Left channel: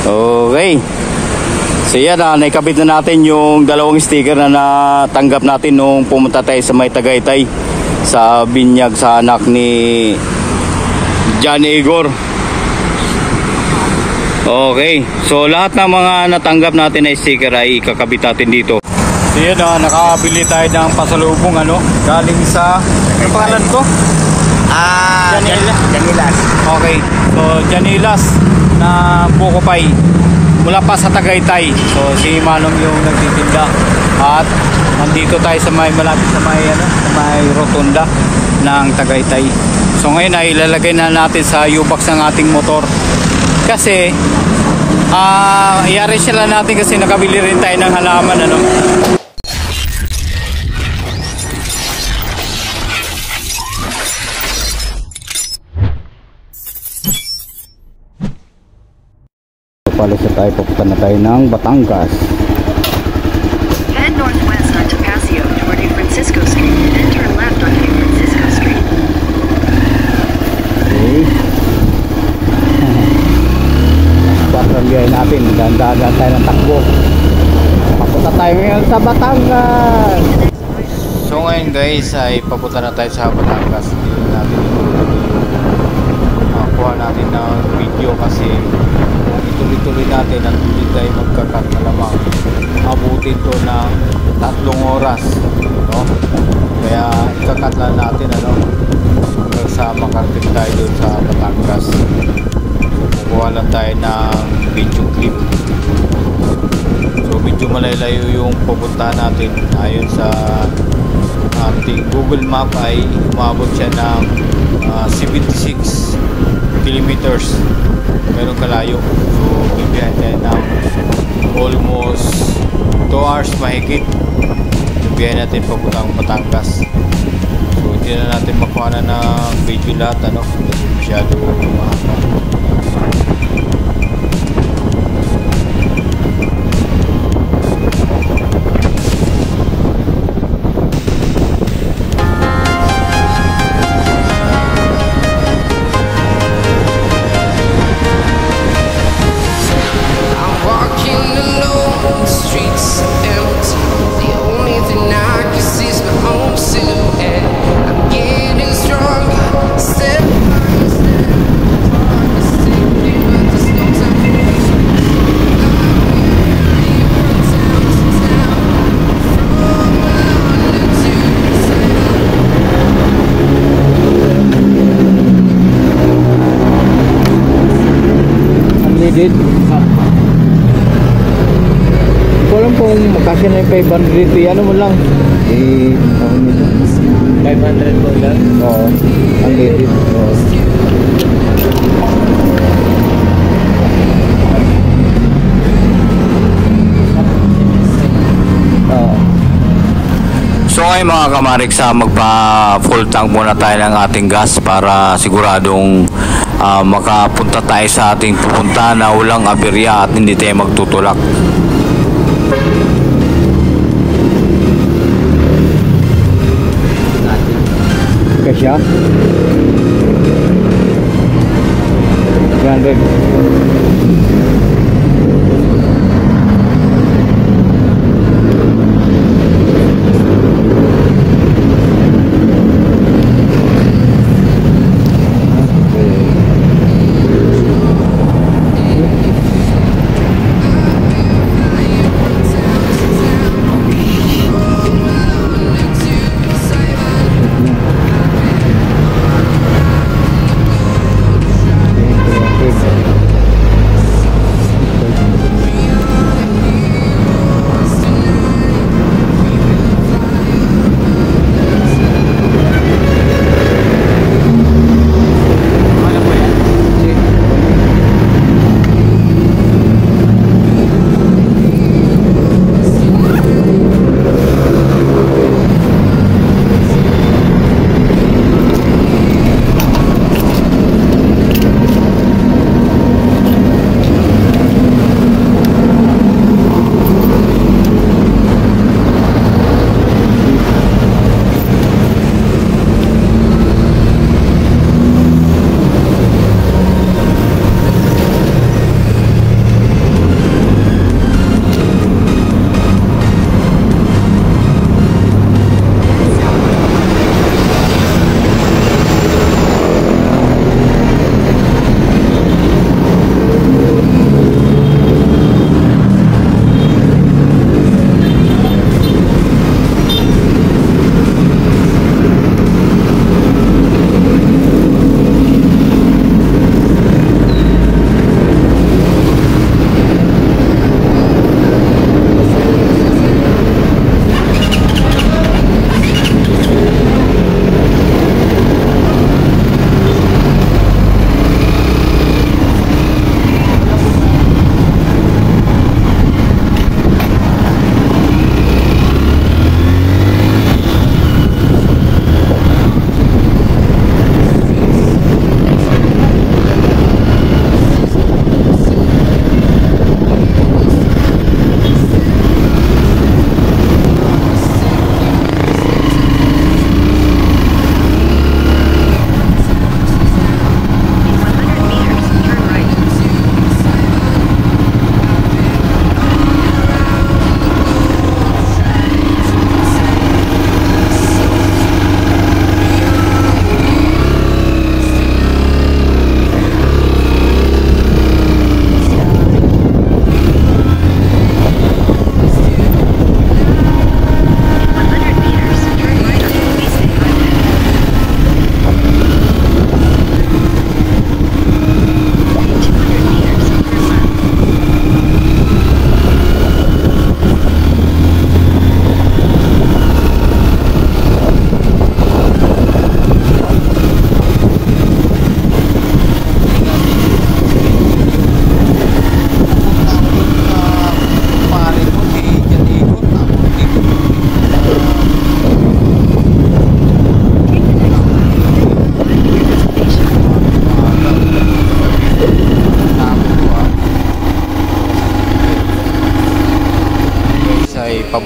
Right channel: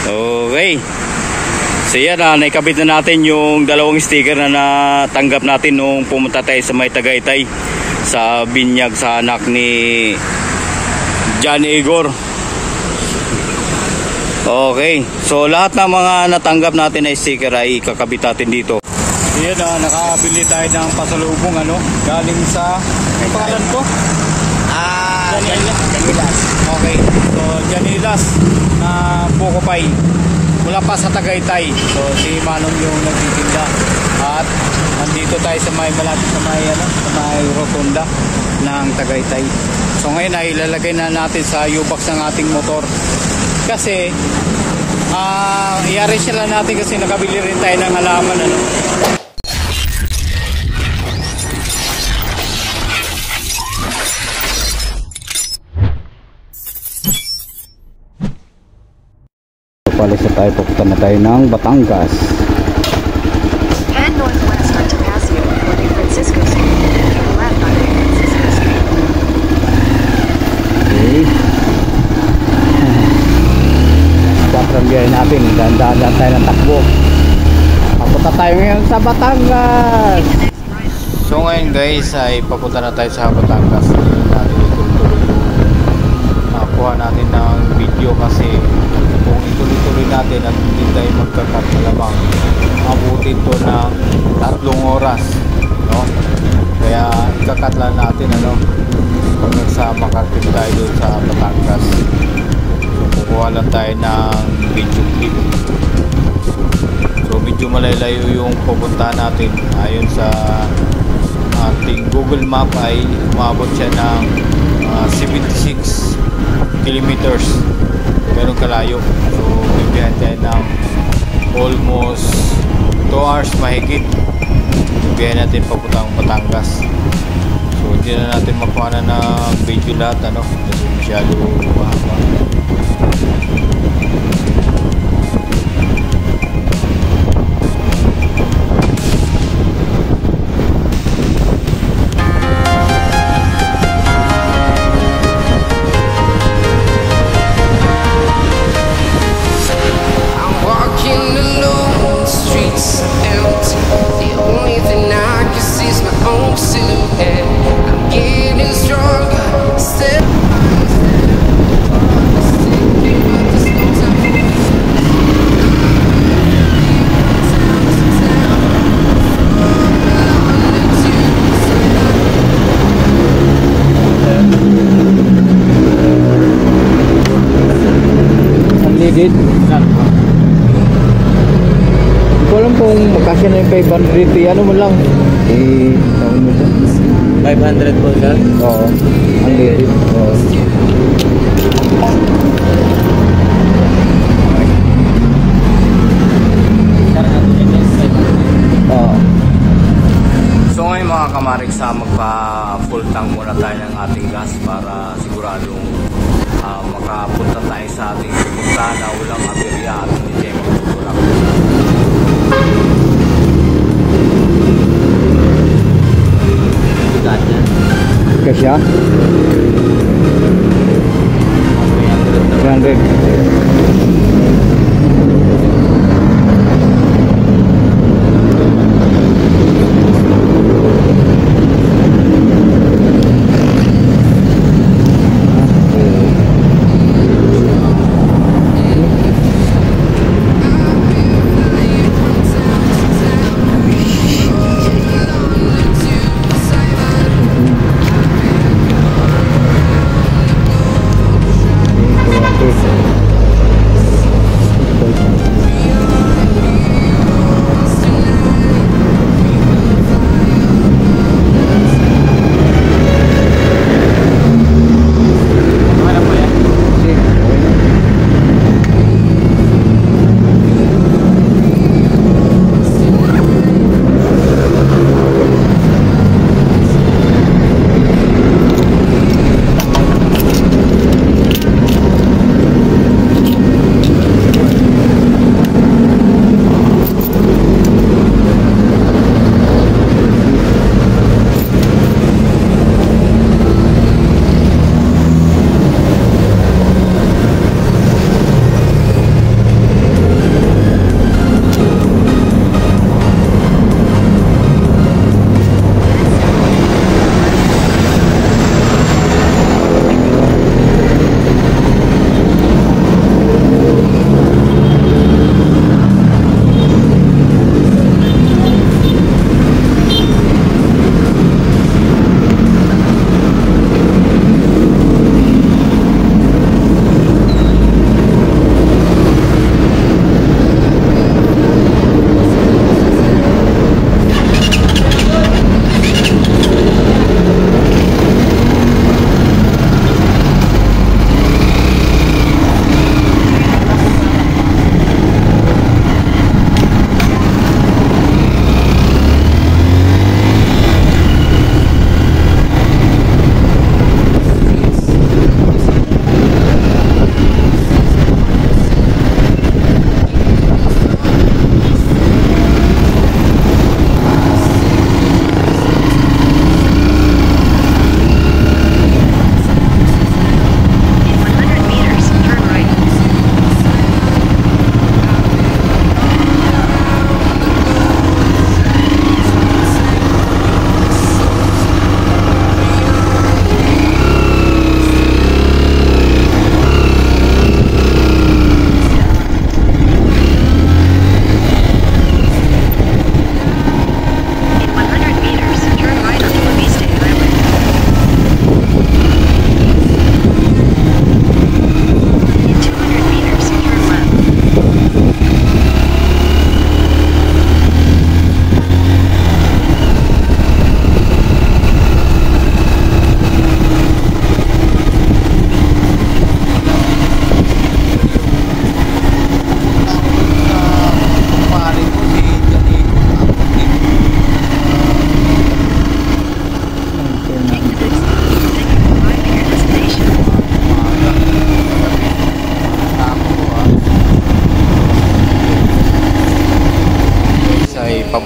Okay. So yan, naikabit na natin yung dalawang sticker na natanggap natin nung pumunta tayo sa may Tagaytay sa binyag sa anak ni John Igor. Okay. So lahat ng mga natanggap natin na sticker ay ikakabit natin dito. So yan, nakabili tayo ng pasalubong galing sa ano pangalan ko? Janilas. Okay. So Janilas na Bukopay mula pa sa Tagaytay. So si Manong yung nagtitinda at nandito tayo sa may malapit sa may rotunda ng Tagaytay. So ngayon ay ilalagay na natin sa U-box ng ating motor kasi i-arrange lang natin kasi nakabili rin tayo ng halaman Palis na tayo, papunta na tayo ng Batangas. Head northwest to Paseo for New Francisco Street and turn left on New Francisco Street. Okay. Last 4 ang biyahe natin. Dahan-dahan tayo ng takbo. Papunta tayo ngayon sa Batangas. So ngayon guys ay papunta na tayo sa Batangas. Hindi natin ituloy yung kuha natin ng video kasi kung ituloy-tuloy natin at hindi tayo magkakat malamang abutin to ng 3 oras, kaya ikakat lang natin hanggang sa makarating tayo doon sa Batangas. So kukuha lang tayo ng video clip. So medyo malalayo yung pupuntahan natin. Ayon sa ating Google Map ay umabot siya ng 76 kilometers, ganun kalayo. So bibiyahe tayo ng almost 2 hours mahigit. Bibiyahe natin papuntang Batangas. So hindi na natin makuha na ng video lahat kasi masyado mahaba. Unleaded. Hindi ko alam kung magkasya na yung 500 mo lang. Tawag nito. $500 Oo. Unleaded. Oo. So ngayon mga kamariksa, magpa full tank muna tayo ng ating gas para siguradong makapunta tayo sa ating pupunta na walang aberya at hindi tayo magtutulak. Kasya? 300.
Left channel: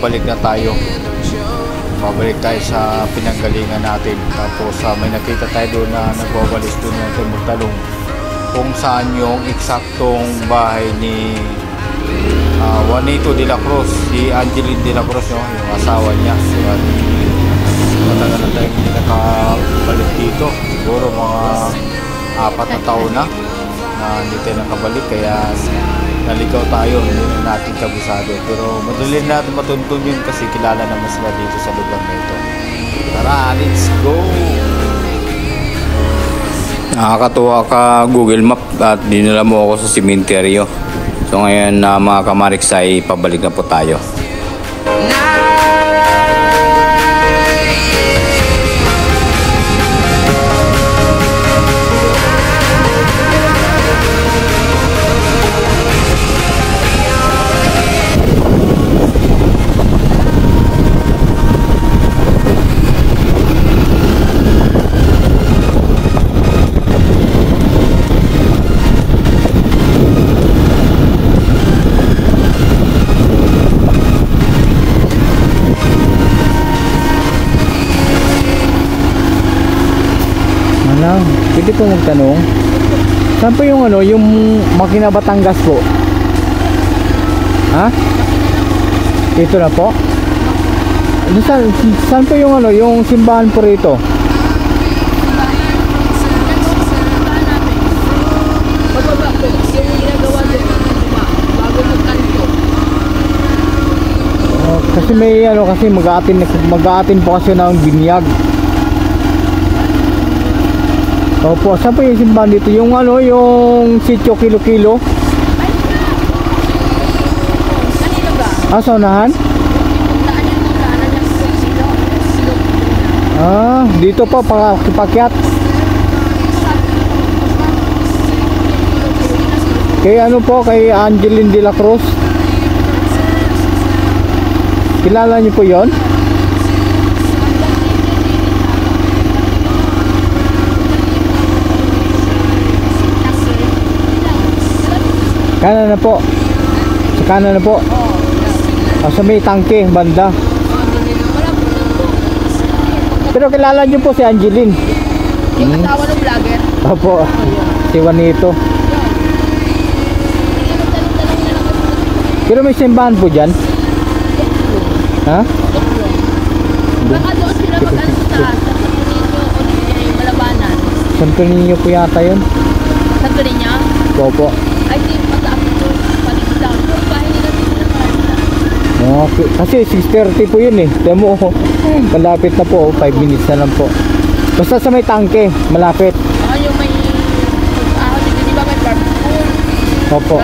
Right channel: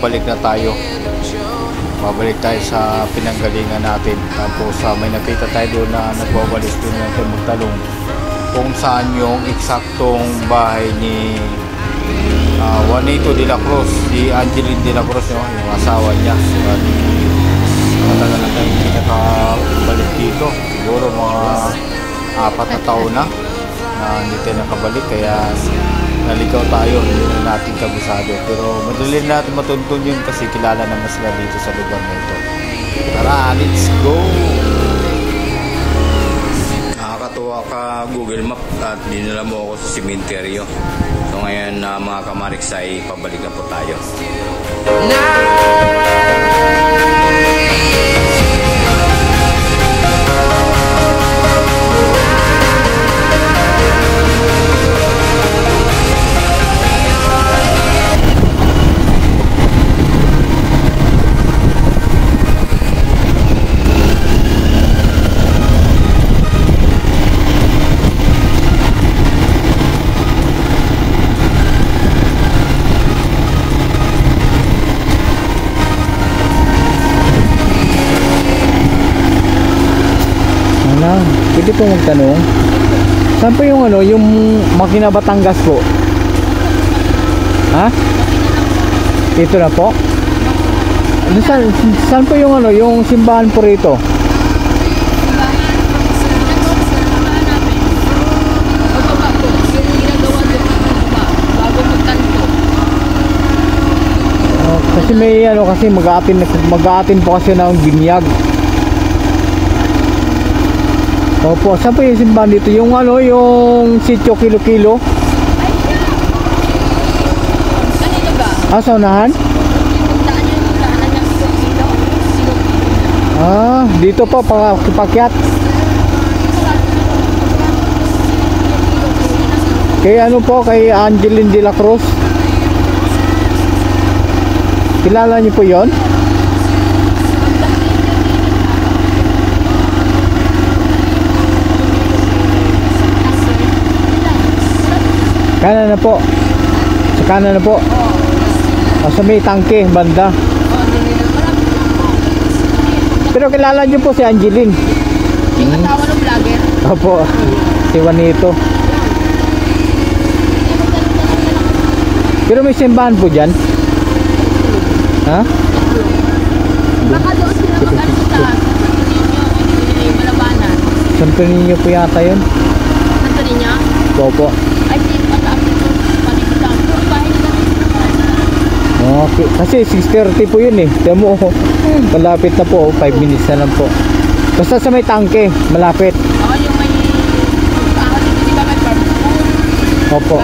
babalik na tayo. Babalik tayo sa pinanggalingan natin. Tapos may nakita tayo doon na nagwawalis doon natin magtalong kung saan yung eksaktong bahay ni Juanito de la Cruz, si Angeline de la Cruz, yung asawa niya. Matagal na tayong hindi nakabalik dito, siguro mga 4 na taon na hindi tayo nakabalik, kaya naligaw tayo, hindi na natin kabisado, pero madali natin matuntun yun kasi kilala naman sila dito sa lugar na ito. Tara, let's go! Nakakatuwa ka Google Map at dinala mo ako sa sementeryo. So ngayon mga kamariks ay pabalik na po tayo. Pwede po magtanong, saan po yung yung Makina Batangas po? Ha? Dito na po? Saan po yung yung simbahan po rito? Kasi may kasi mag-aatin po kasi ng binyag. Opo, saan po yung simbahan dito? Yung yung sitio Kilo-Kilo? Saunahan? Dito po, pakyat. Kay kay Angeline de la Cruz. Kilala niyo po yon? Kanan na po. Sa kanan na po. Sa may tangke, banda. Pero kilala niyo po si Angeline. Yung asawa ng vlogger? Opo. Si Juanito. Pero may simbahan po dyan? Ha? Santo Niño po yata yun. Santo Niño? Opo. Ay, Okay. Kasi 6:30 po yun Tiyan mo, malapit na po, 5 minutes na lang po. Basta sa may tangke, malapit. Yung may di ba may barbecue? Opo.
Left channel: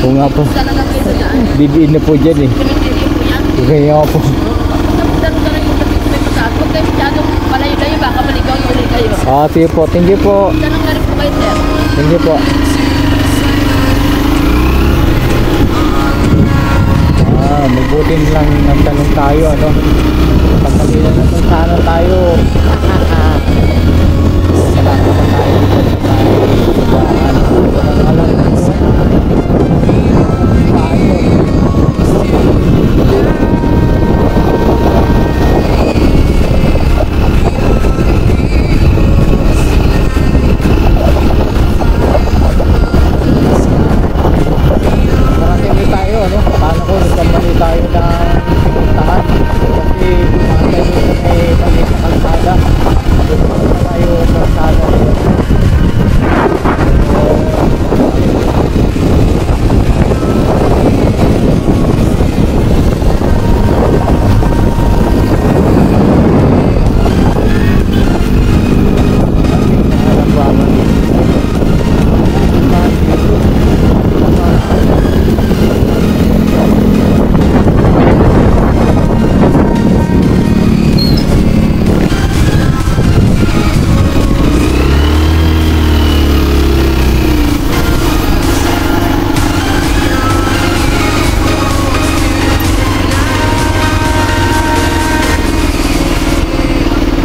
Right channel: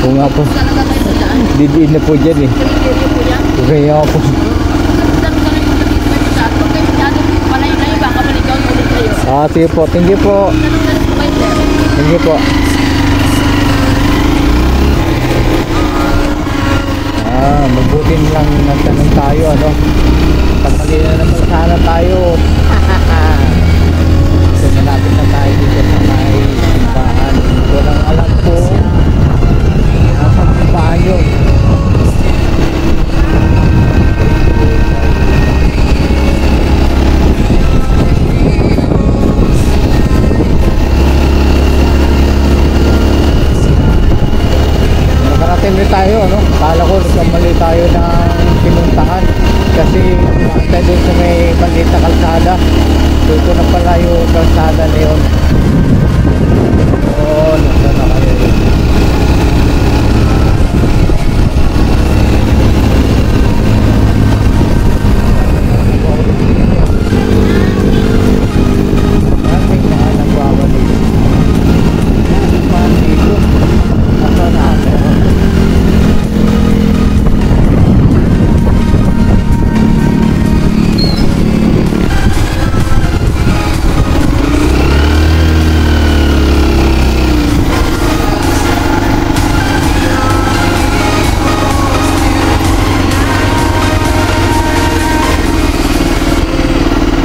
Oo nga po. Didiin na po dyan Kaya po. Sige po, thank you po. Thank you po. Mabuti lang nagtanong tayo Pagmali na naman sana tayo. Malapit na tayo dito sa may simbahan. Walang alam ko saan yun. Tayo kala ko nagkamali tayo ng pinuntahan kasi pumunta doon sa may maliit na kalsada. Doon ko na pala yung kalsada na yun.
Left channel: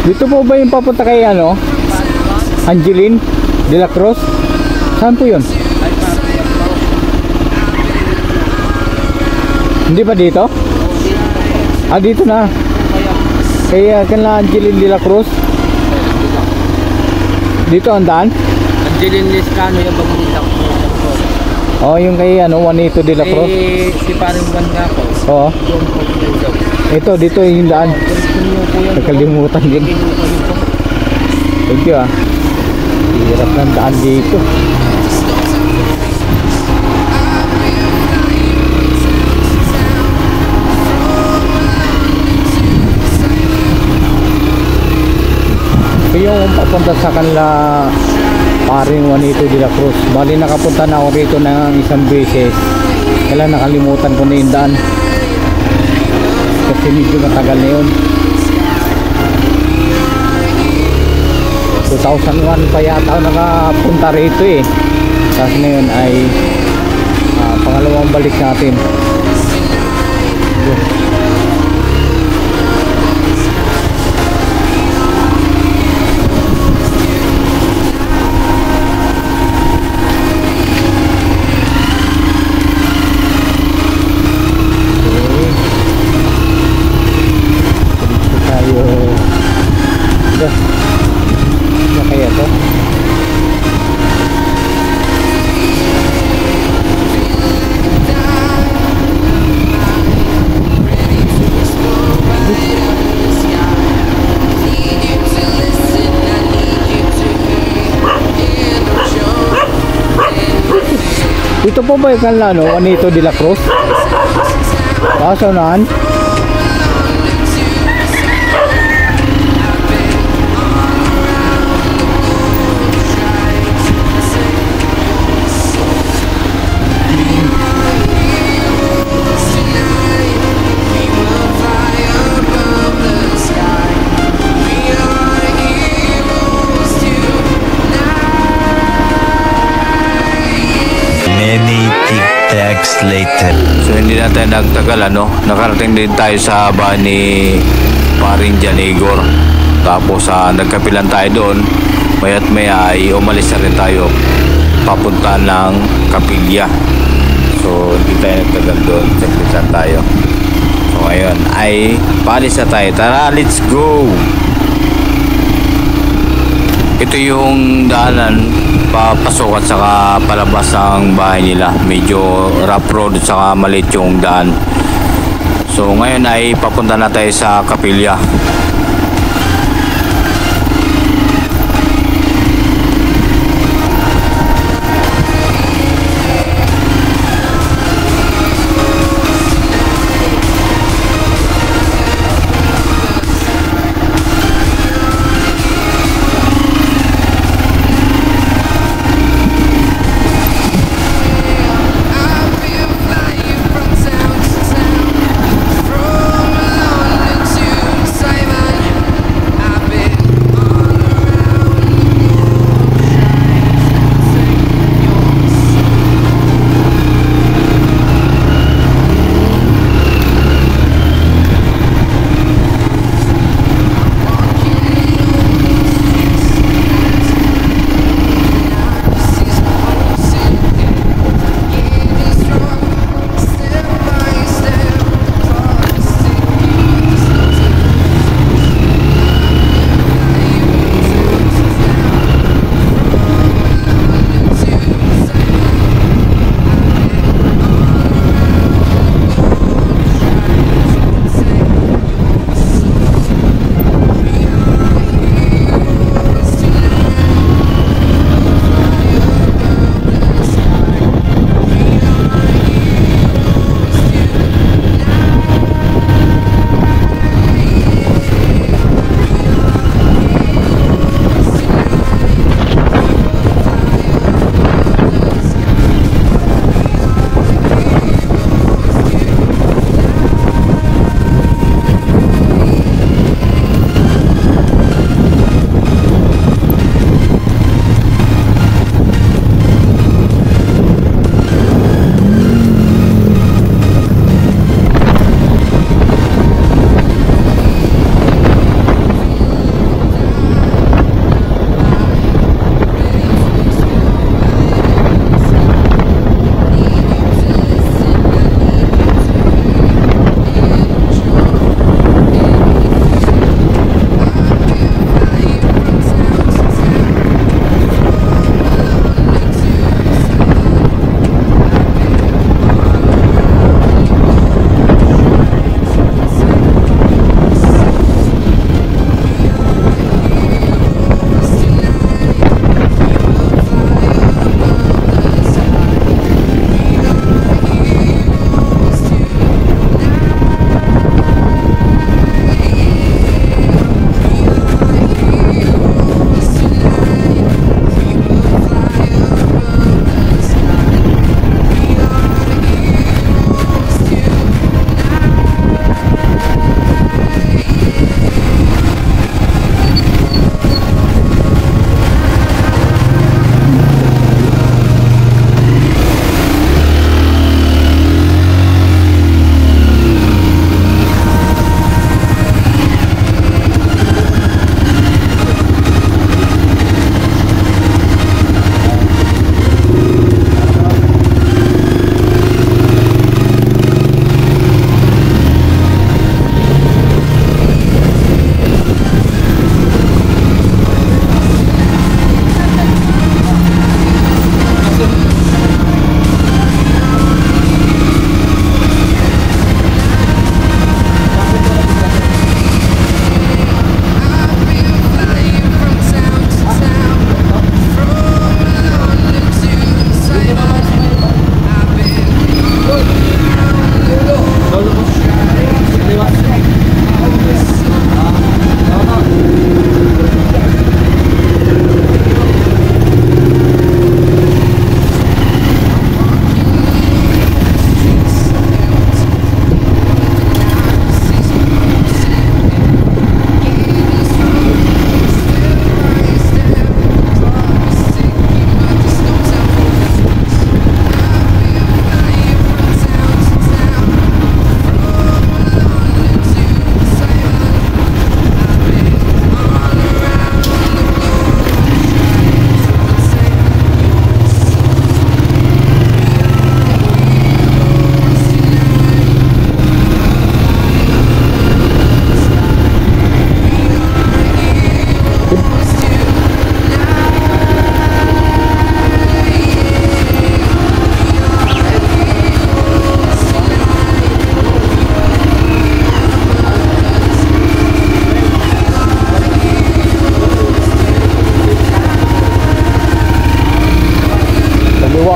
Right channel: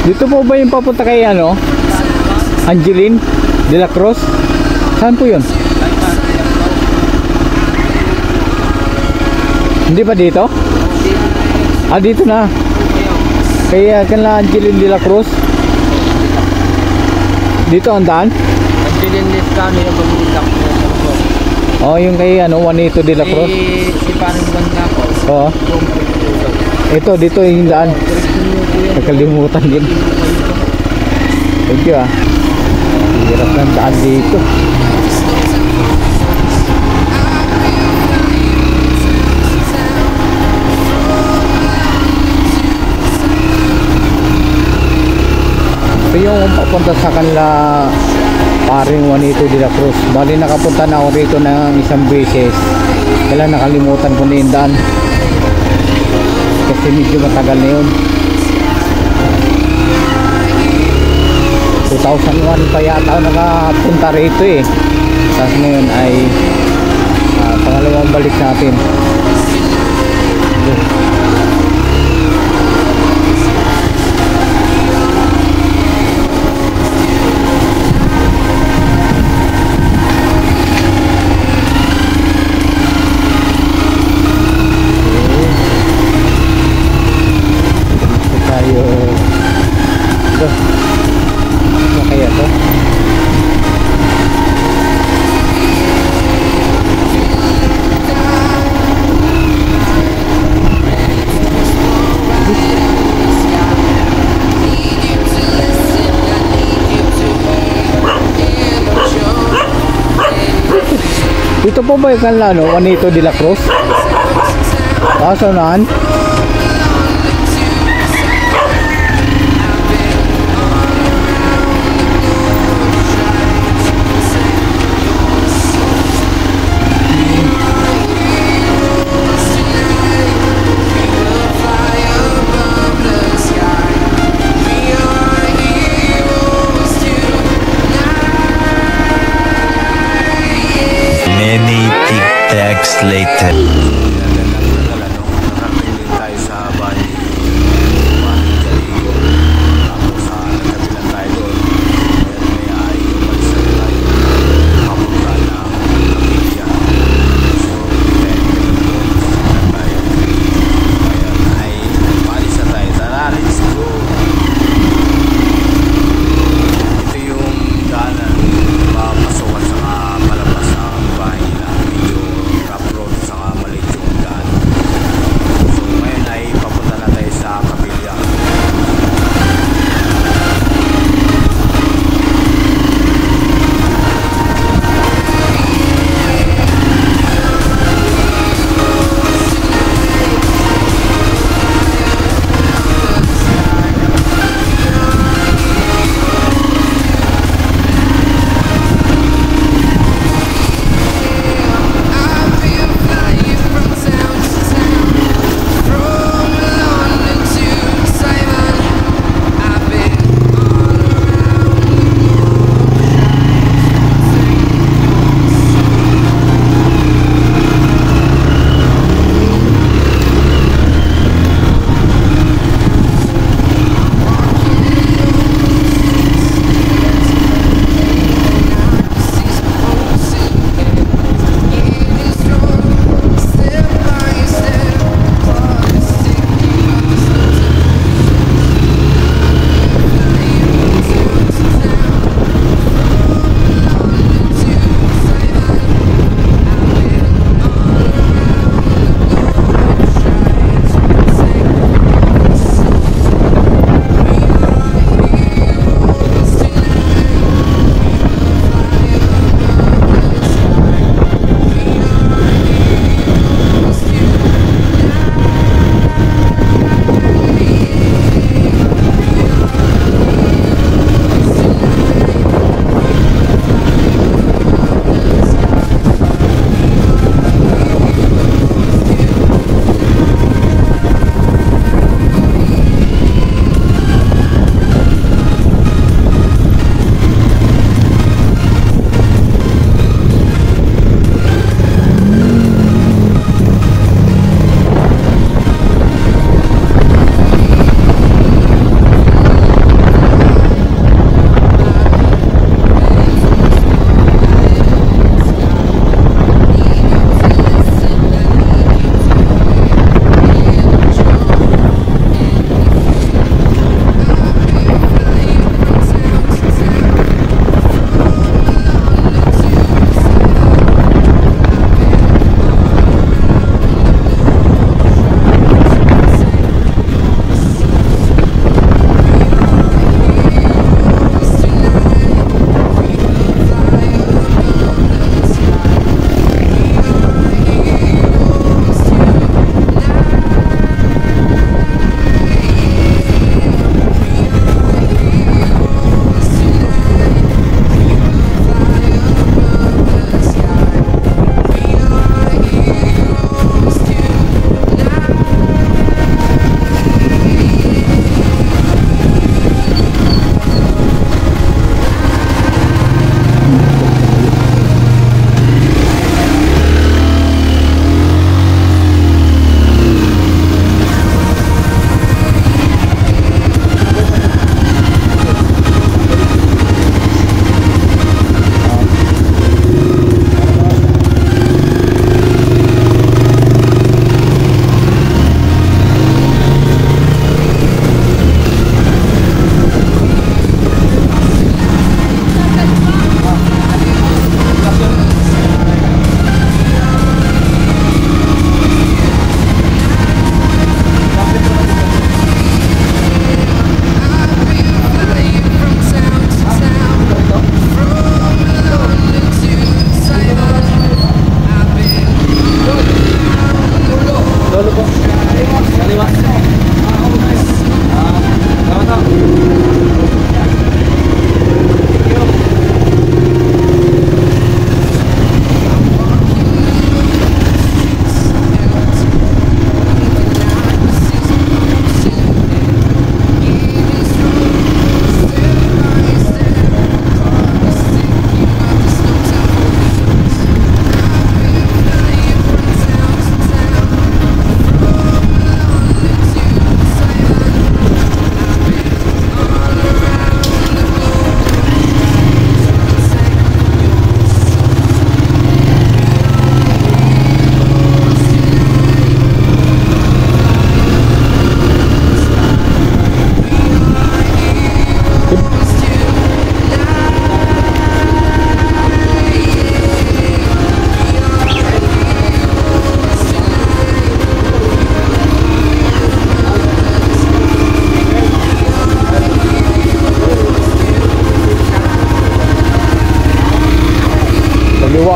Dito po ba yung papunta kay Angeline? De La Cruz? Saan po yun? Hindi ba dito? Ah, dito na. Kaya kanila Angeline De La Cruz. Dito ang daan? Angeline Lescano yung pag-uusap ko. Oh, yung kay ano, Juanito De La Cruz. Si parang banda ko. Oo. Ito, dito yung daan. Nakalimutan din. Thank you ah. Hirap ng daan dito. So yung papunta sa kanila paring Juanito De La Cruz. Bali nakapunta na ako rito ng isang beses. Kailan nakalimutan ko na yung daan. Kasi medyo matagal na yun. 2001 pa yata ako nakapunta rito eh. Tapos ngayon ay pangalawang balik natin. Kaya to ito po ba yung kanila no? Juanito De La Cruz? Kaso naan? Many tic-tacs later. So hindi natin nagtagal ano, nakarating din tayo sa bahay ni paring Janigor. Tapos nagkapilan tayo doon. Maya't maya ay umalis na rin tayo papunta ng Kapilya. So hindi tayo nagtagal doon, sa tayo. So ngayon ay palis na tayo. Tara, let's go! Ito yung daanan papasok at saka palabas ng bahay nila. Medyo rough road at saka maliit yung daan. So ngayon ay papunta na tayo sa Kapilya.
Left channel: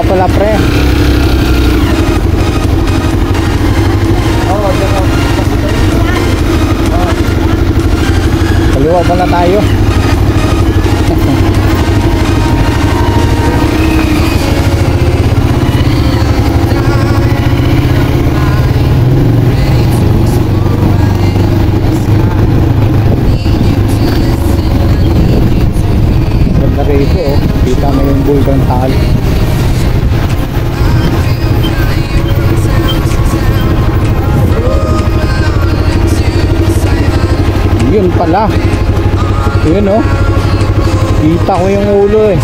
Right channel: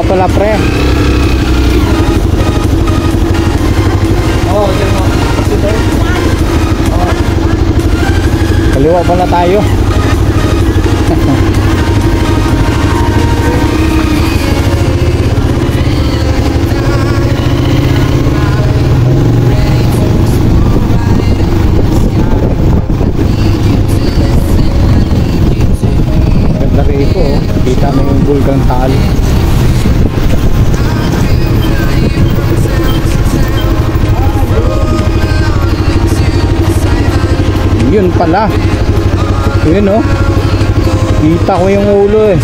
Kaliwa pala pre. Kaliwa pala tayo. Ganda rito oh. Kita mo yung Bulgang Taal. Yun pala. Yun oh. Kita ko yung ulo eh.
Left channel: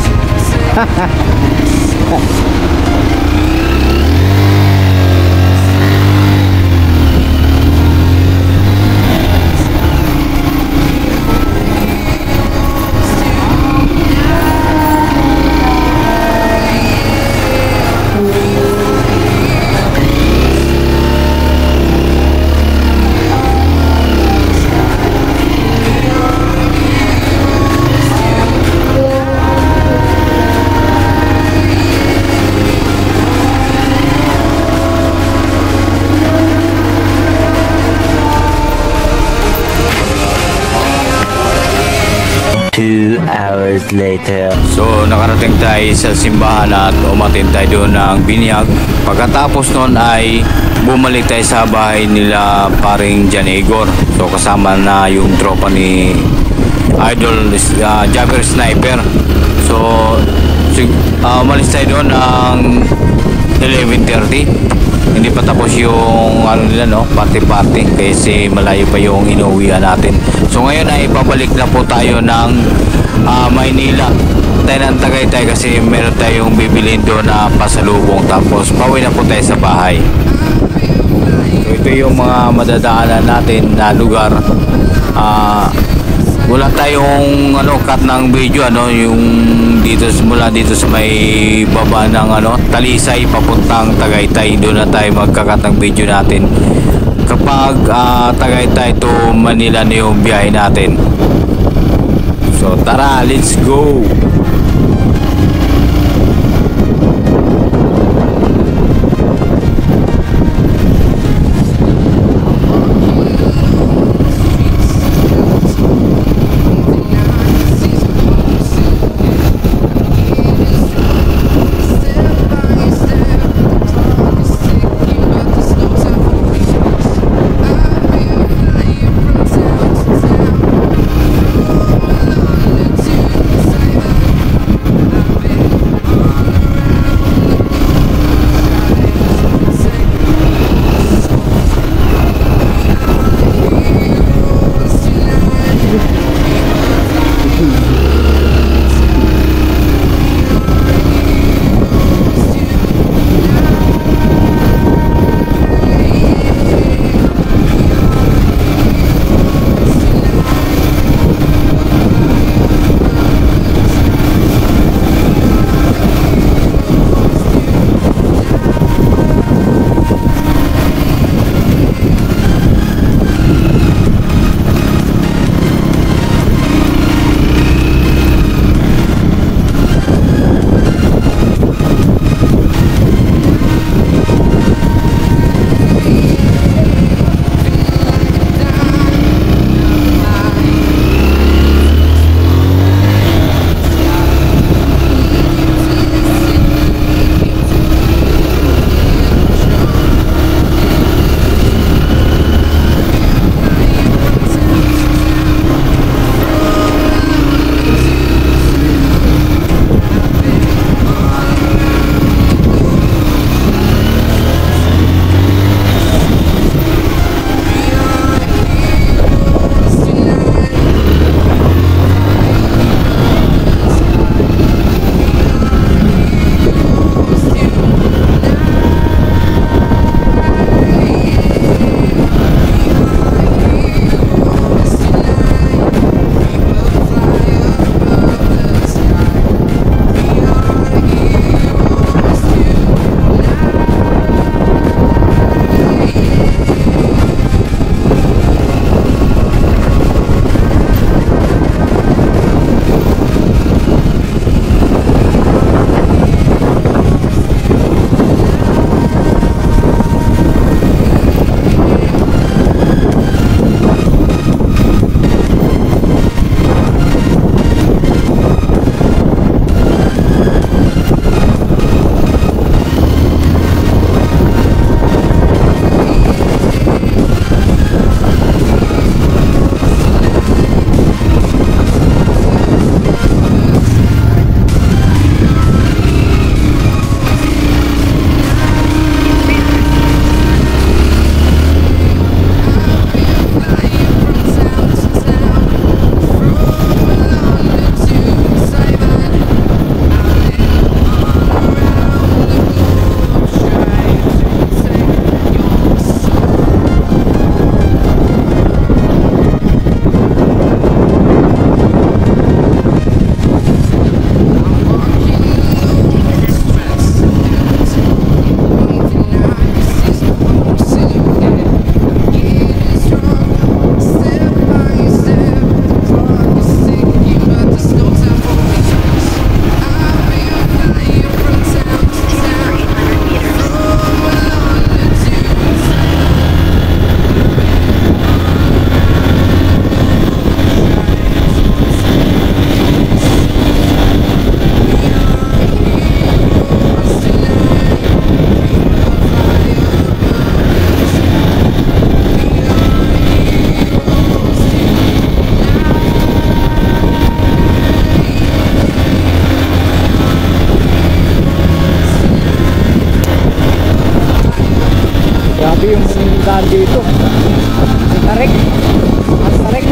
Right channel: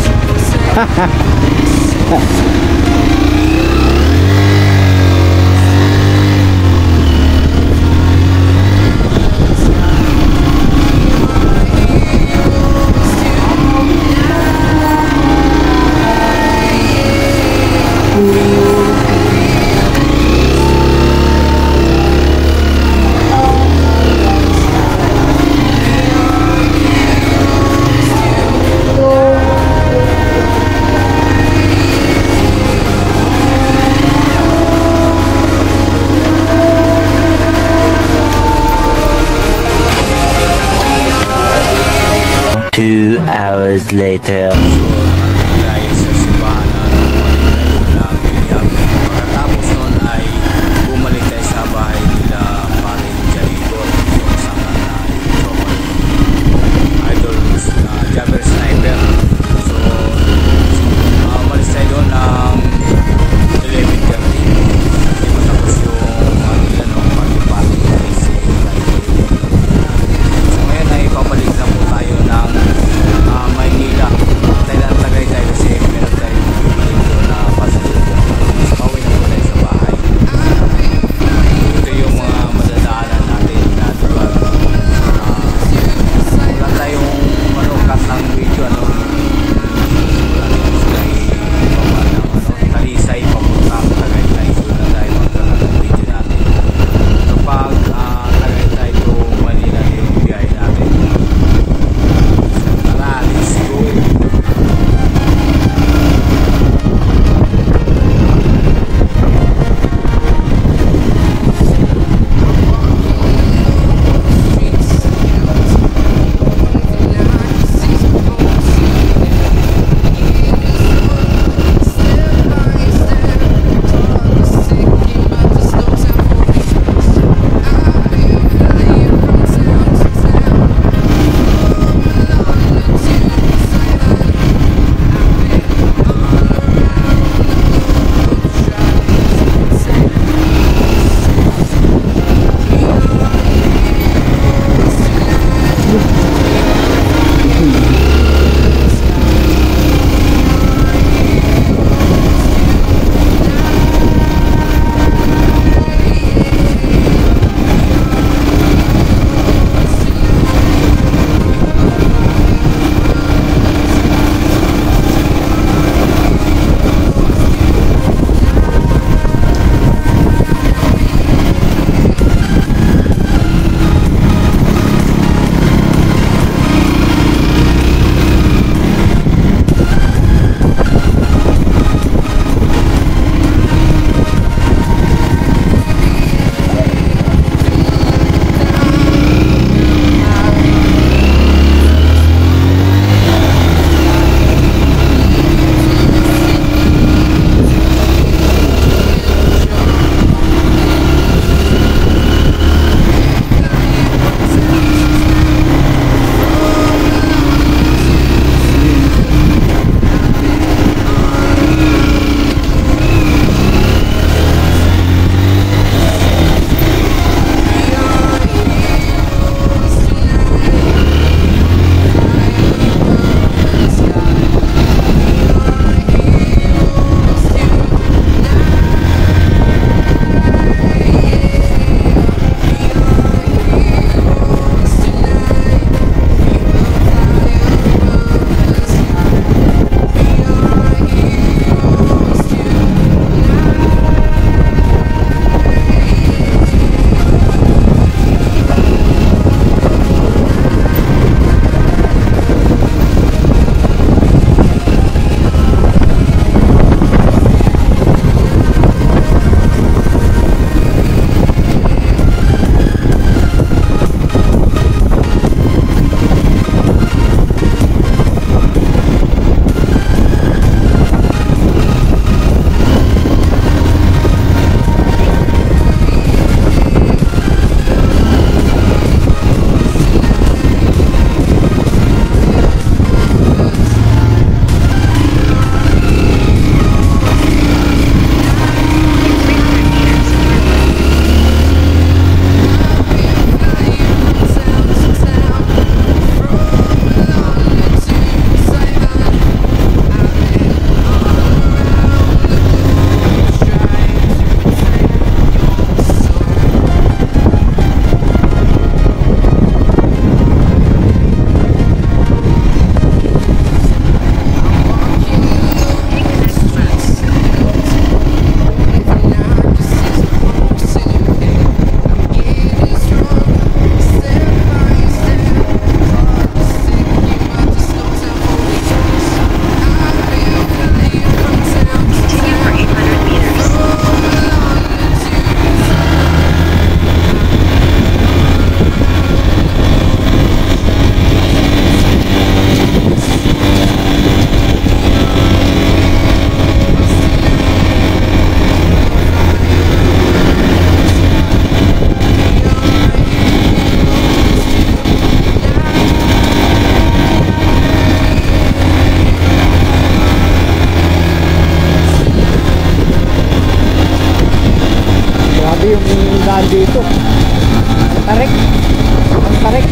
Two hours later. So nakarating tayo sa simbahan at umatin tayo doon ng binyag. Pagkatapos noon ay bumalik tayo sa bahay nila paring Jan Igor. So kasama na yung tropa ni Idol Jagger Sniper. So umalis tayo doon ng 11:30. Hindi pa tapos yung ano nila no, party kasi malayo pa yung inuwihan natin. So ngayon ay pabalik na po tayo ng Maynila. Tayo ng Tagaytay kasi meron tayong bibilin doon na pasalubong, tapos pauwi na po tayo sa bahay. Ito yung mga madadaanan natin na lugar. Wala tayong cut ng video yung mula dito sa may baba ng Talisay papuntang Tagaytay. Doon na tayo magkakat ng video natin. Kapag Tagaytay to Manila na yung biyahe natin. So tara, let's go.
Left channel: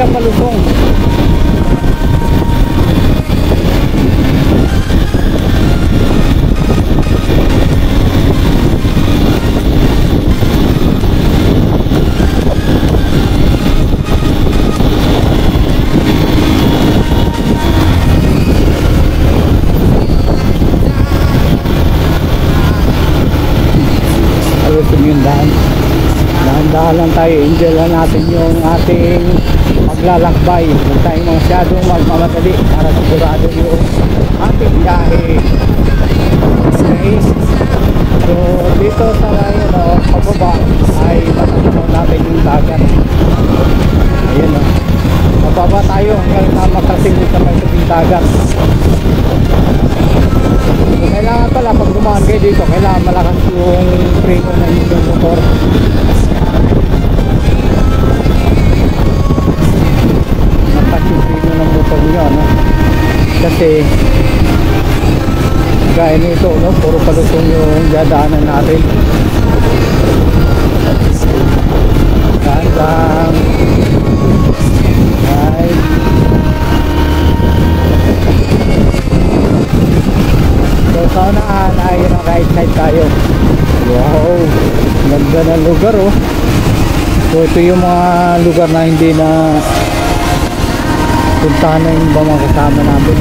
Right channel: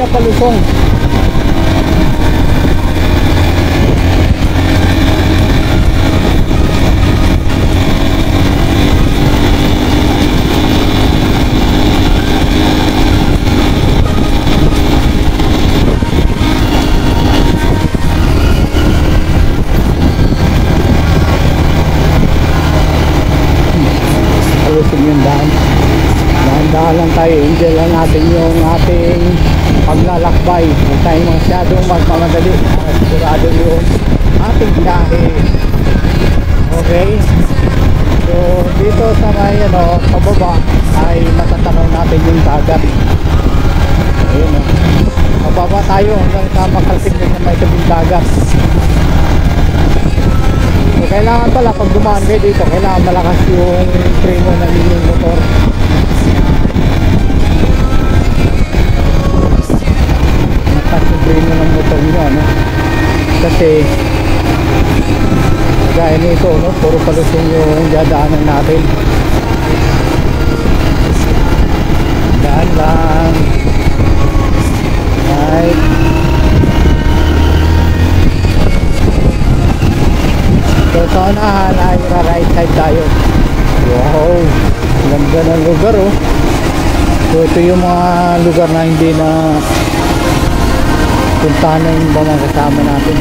siya palusong. Palusong yung daan. Dahan-dahan lang tayo, enjoy lang natin yung ating paglalakbay. Huwag tayong masyadong magmamadali para sigurado yung ating biyahe. Okay? So dito sa may pababa ay matatanaw natin yung dagat. Ayun mababa tayo hanggang sa makarating sa may tabing dagat. So kailangan pala pag dumaan kayo dito, kailangan malakas yung preno ng inyong motor. Natas yung preno ng motor nyo, kasi gaya nito, puro palusong yung dadaanan natin. Daan lang. Right. So sa unahan ay right side tayo. Wow, ganda ng lugar So ito yung mga lugar na hindi na puntahan na yung mga kasama natin.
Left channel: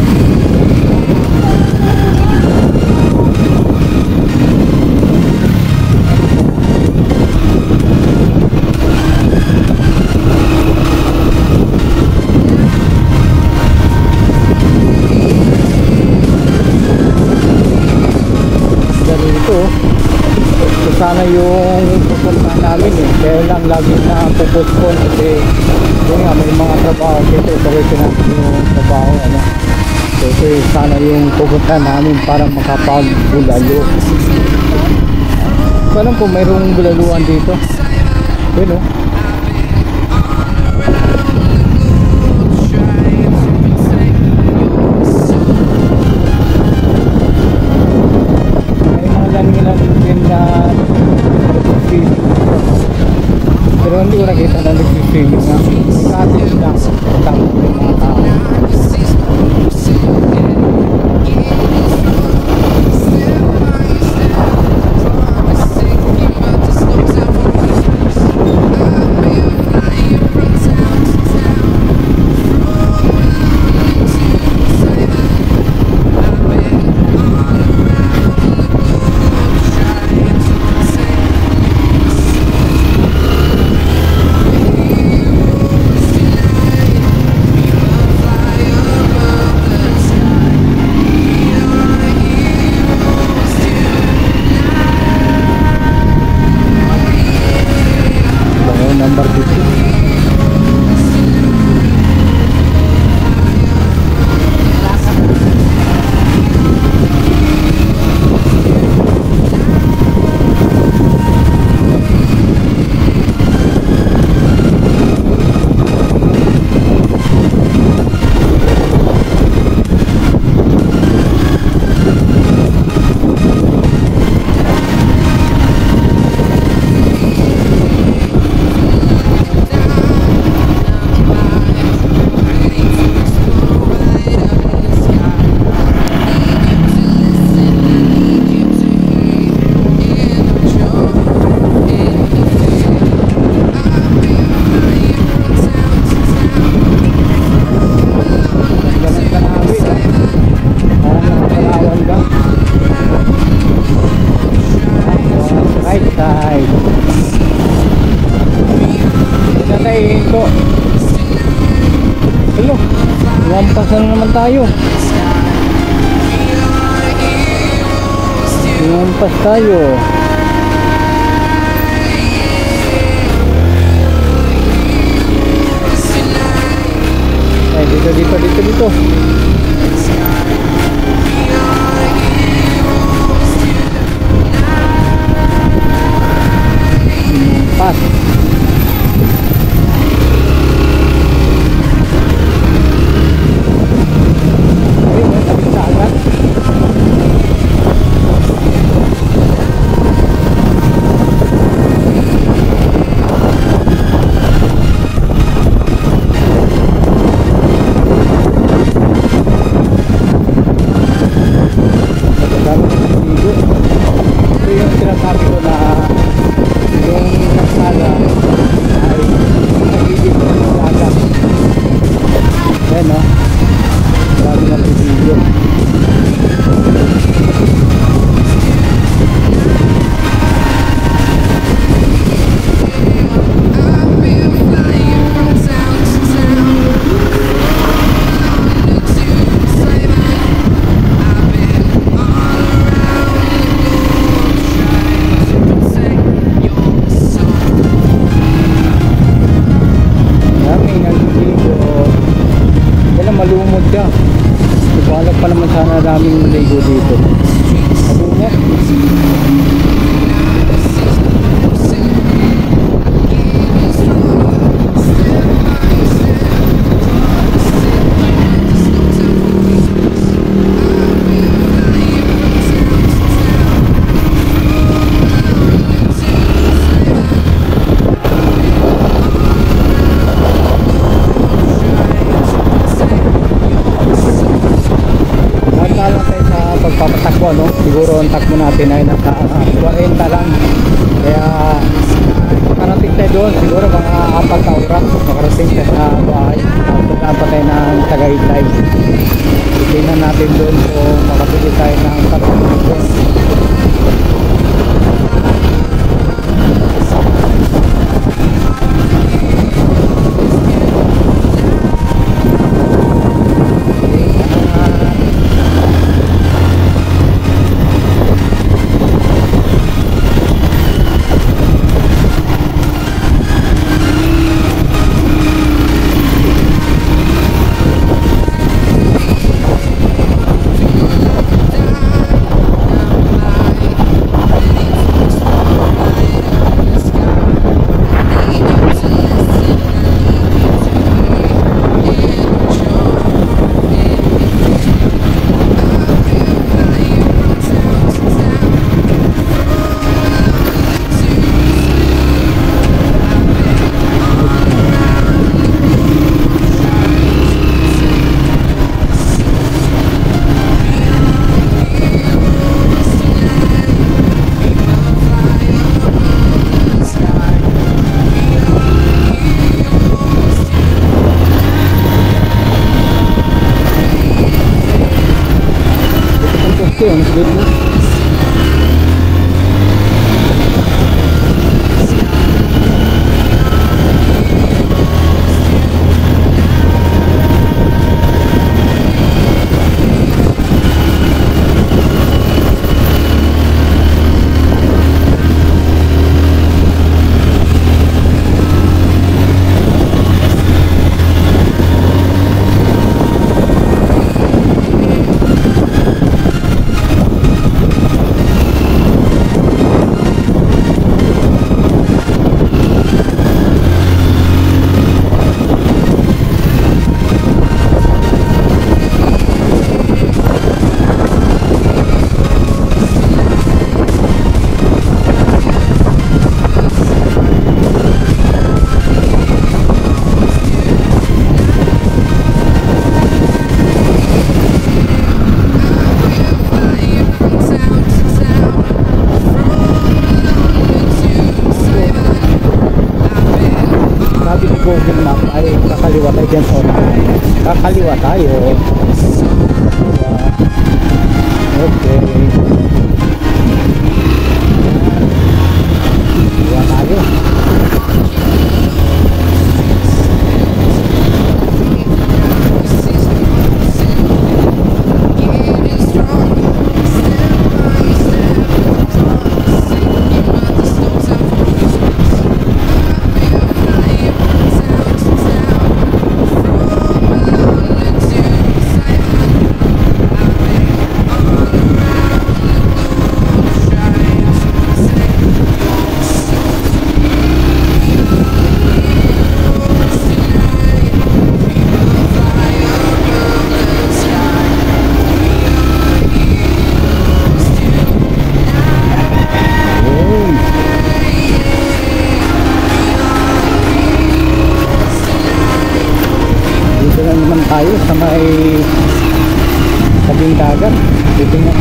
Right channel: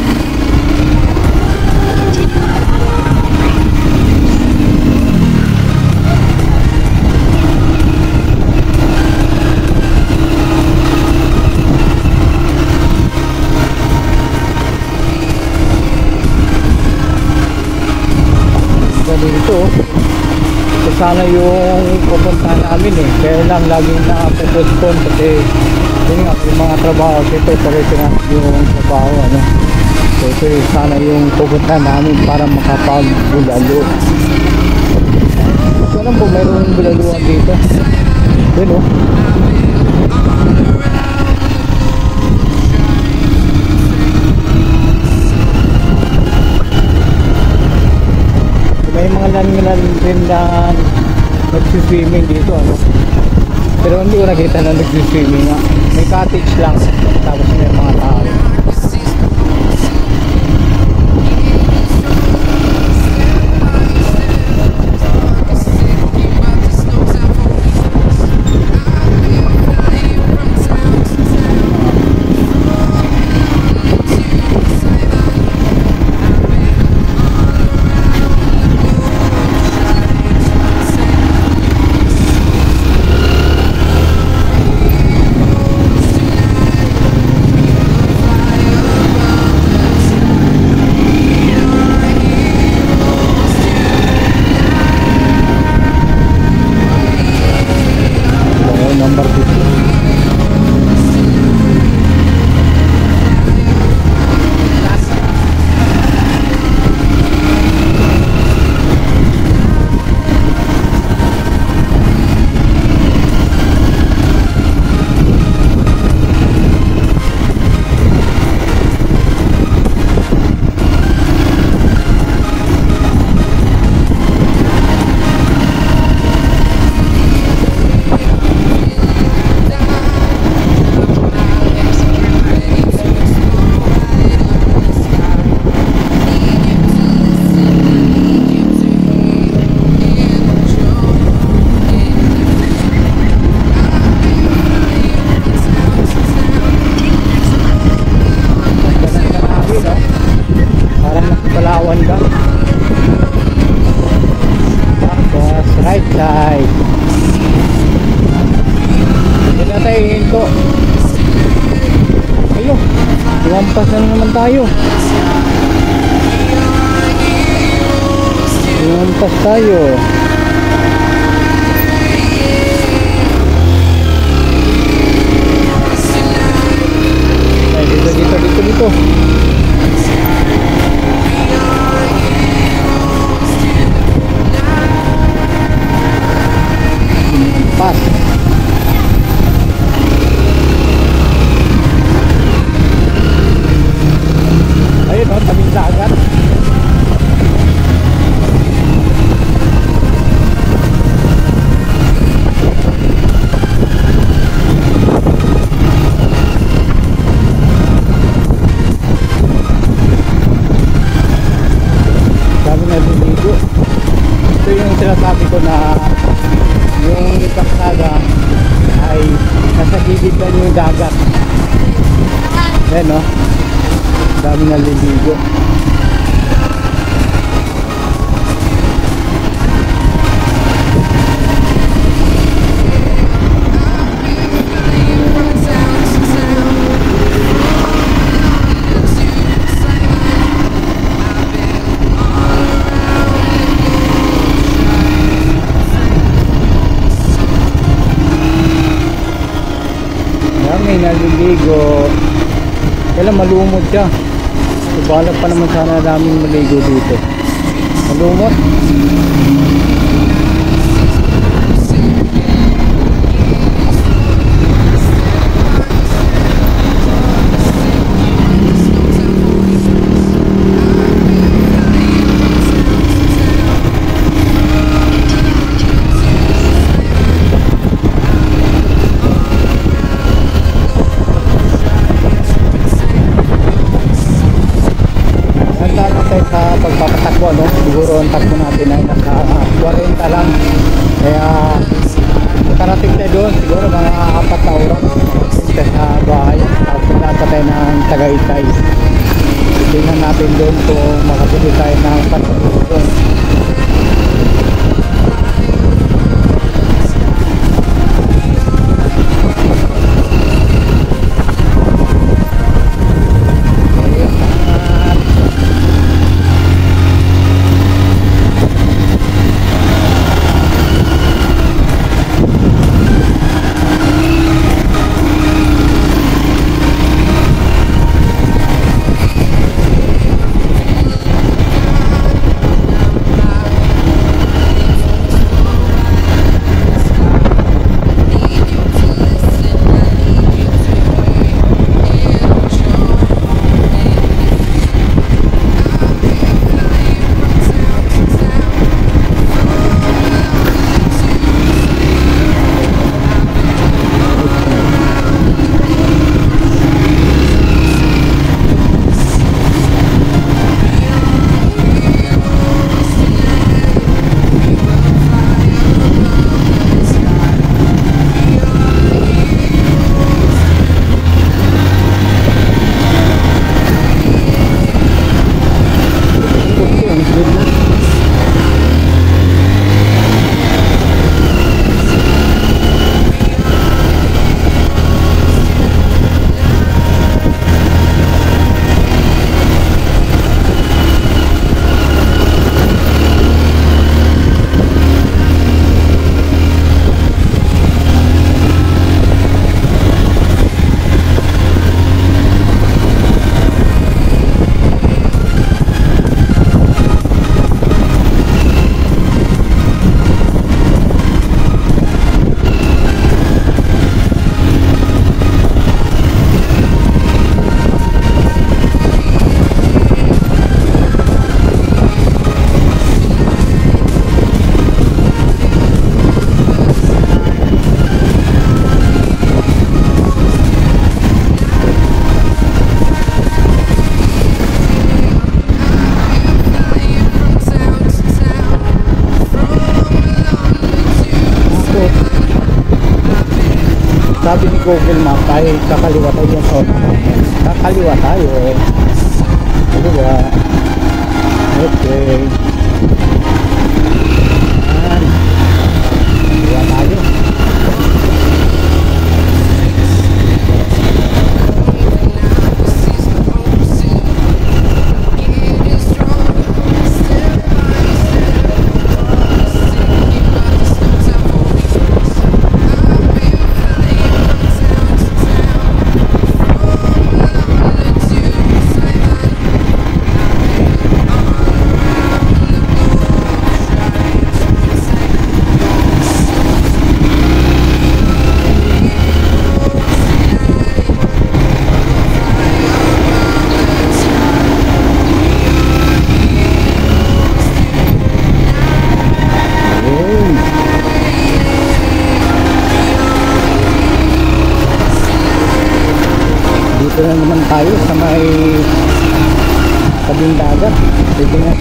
Ganito. So sana yung pupuntahan namin kaya lang laging na-postpone kasi yun nga may mga trabaho dito, tuloy na yung trabaho so sana yung pupuntahan namin para makapagbulalo. So alam po mayroong bulaluan dito yun may mga lalim-lalim din na nag-swimming dito pero hindi ko nakita na nag-swimming nga. May cottage lang tapos may mga tao. Number 15. Right side. Hindi na tayo hinto. Ayun, lumampas na naman tayo. Lumampas tayo. Ay, dito. Pas. Ayun tabing dagat. dagat. Ayan no, dami naliligo. May naliligo. Kailan malumot siya. Subalak pa naman sana daming maligo dito. Malumot. Sa pagpapatakbo, no? Siguro ang takbo natin ay nasa 40 lang. Kaya makarating tayo doon, siguro mga 4 na oras makarating tayo sa bahay. Tapos naglaan tayo ng Tagaytay. Tingnan natin doon kung makabili tayo ng pasalubong. Ang sweet na. Sabi ni Google Map ay kakaliwa tayo dyan sa unahan. Kakaliwa tayo. Diba? Okay. Ayan. Kaliwa tayo. Dito na naman tayo sa may tabing dagat. Titingnan.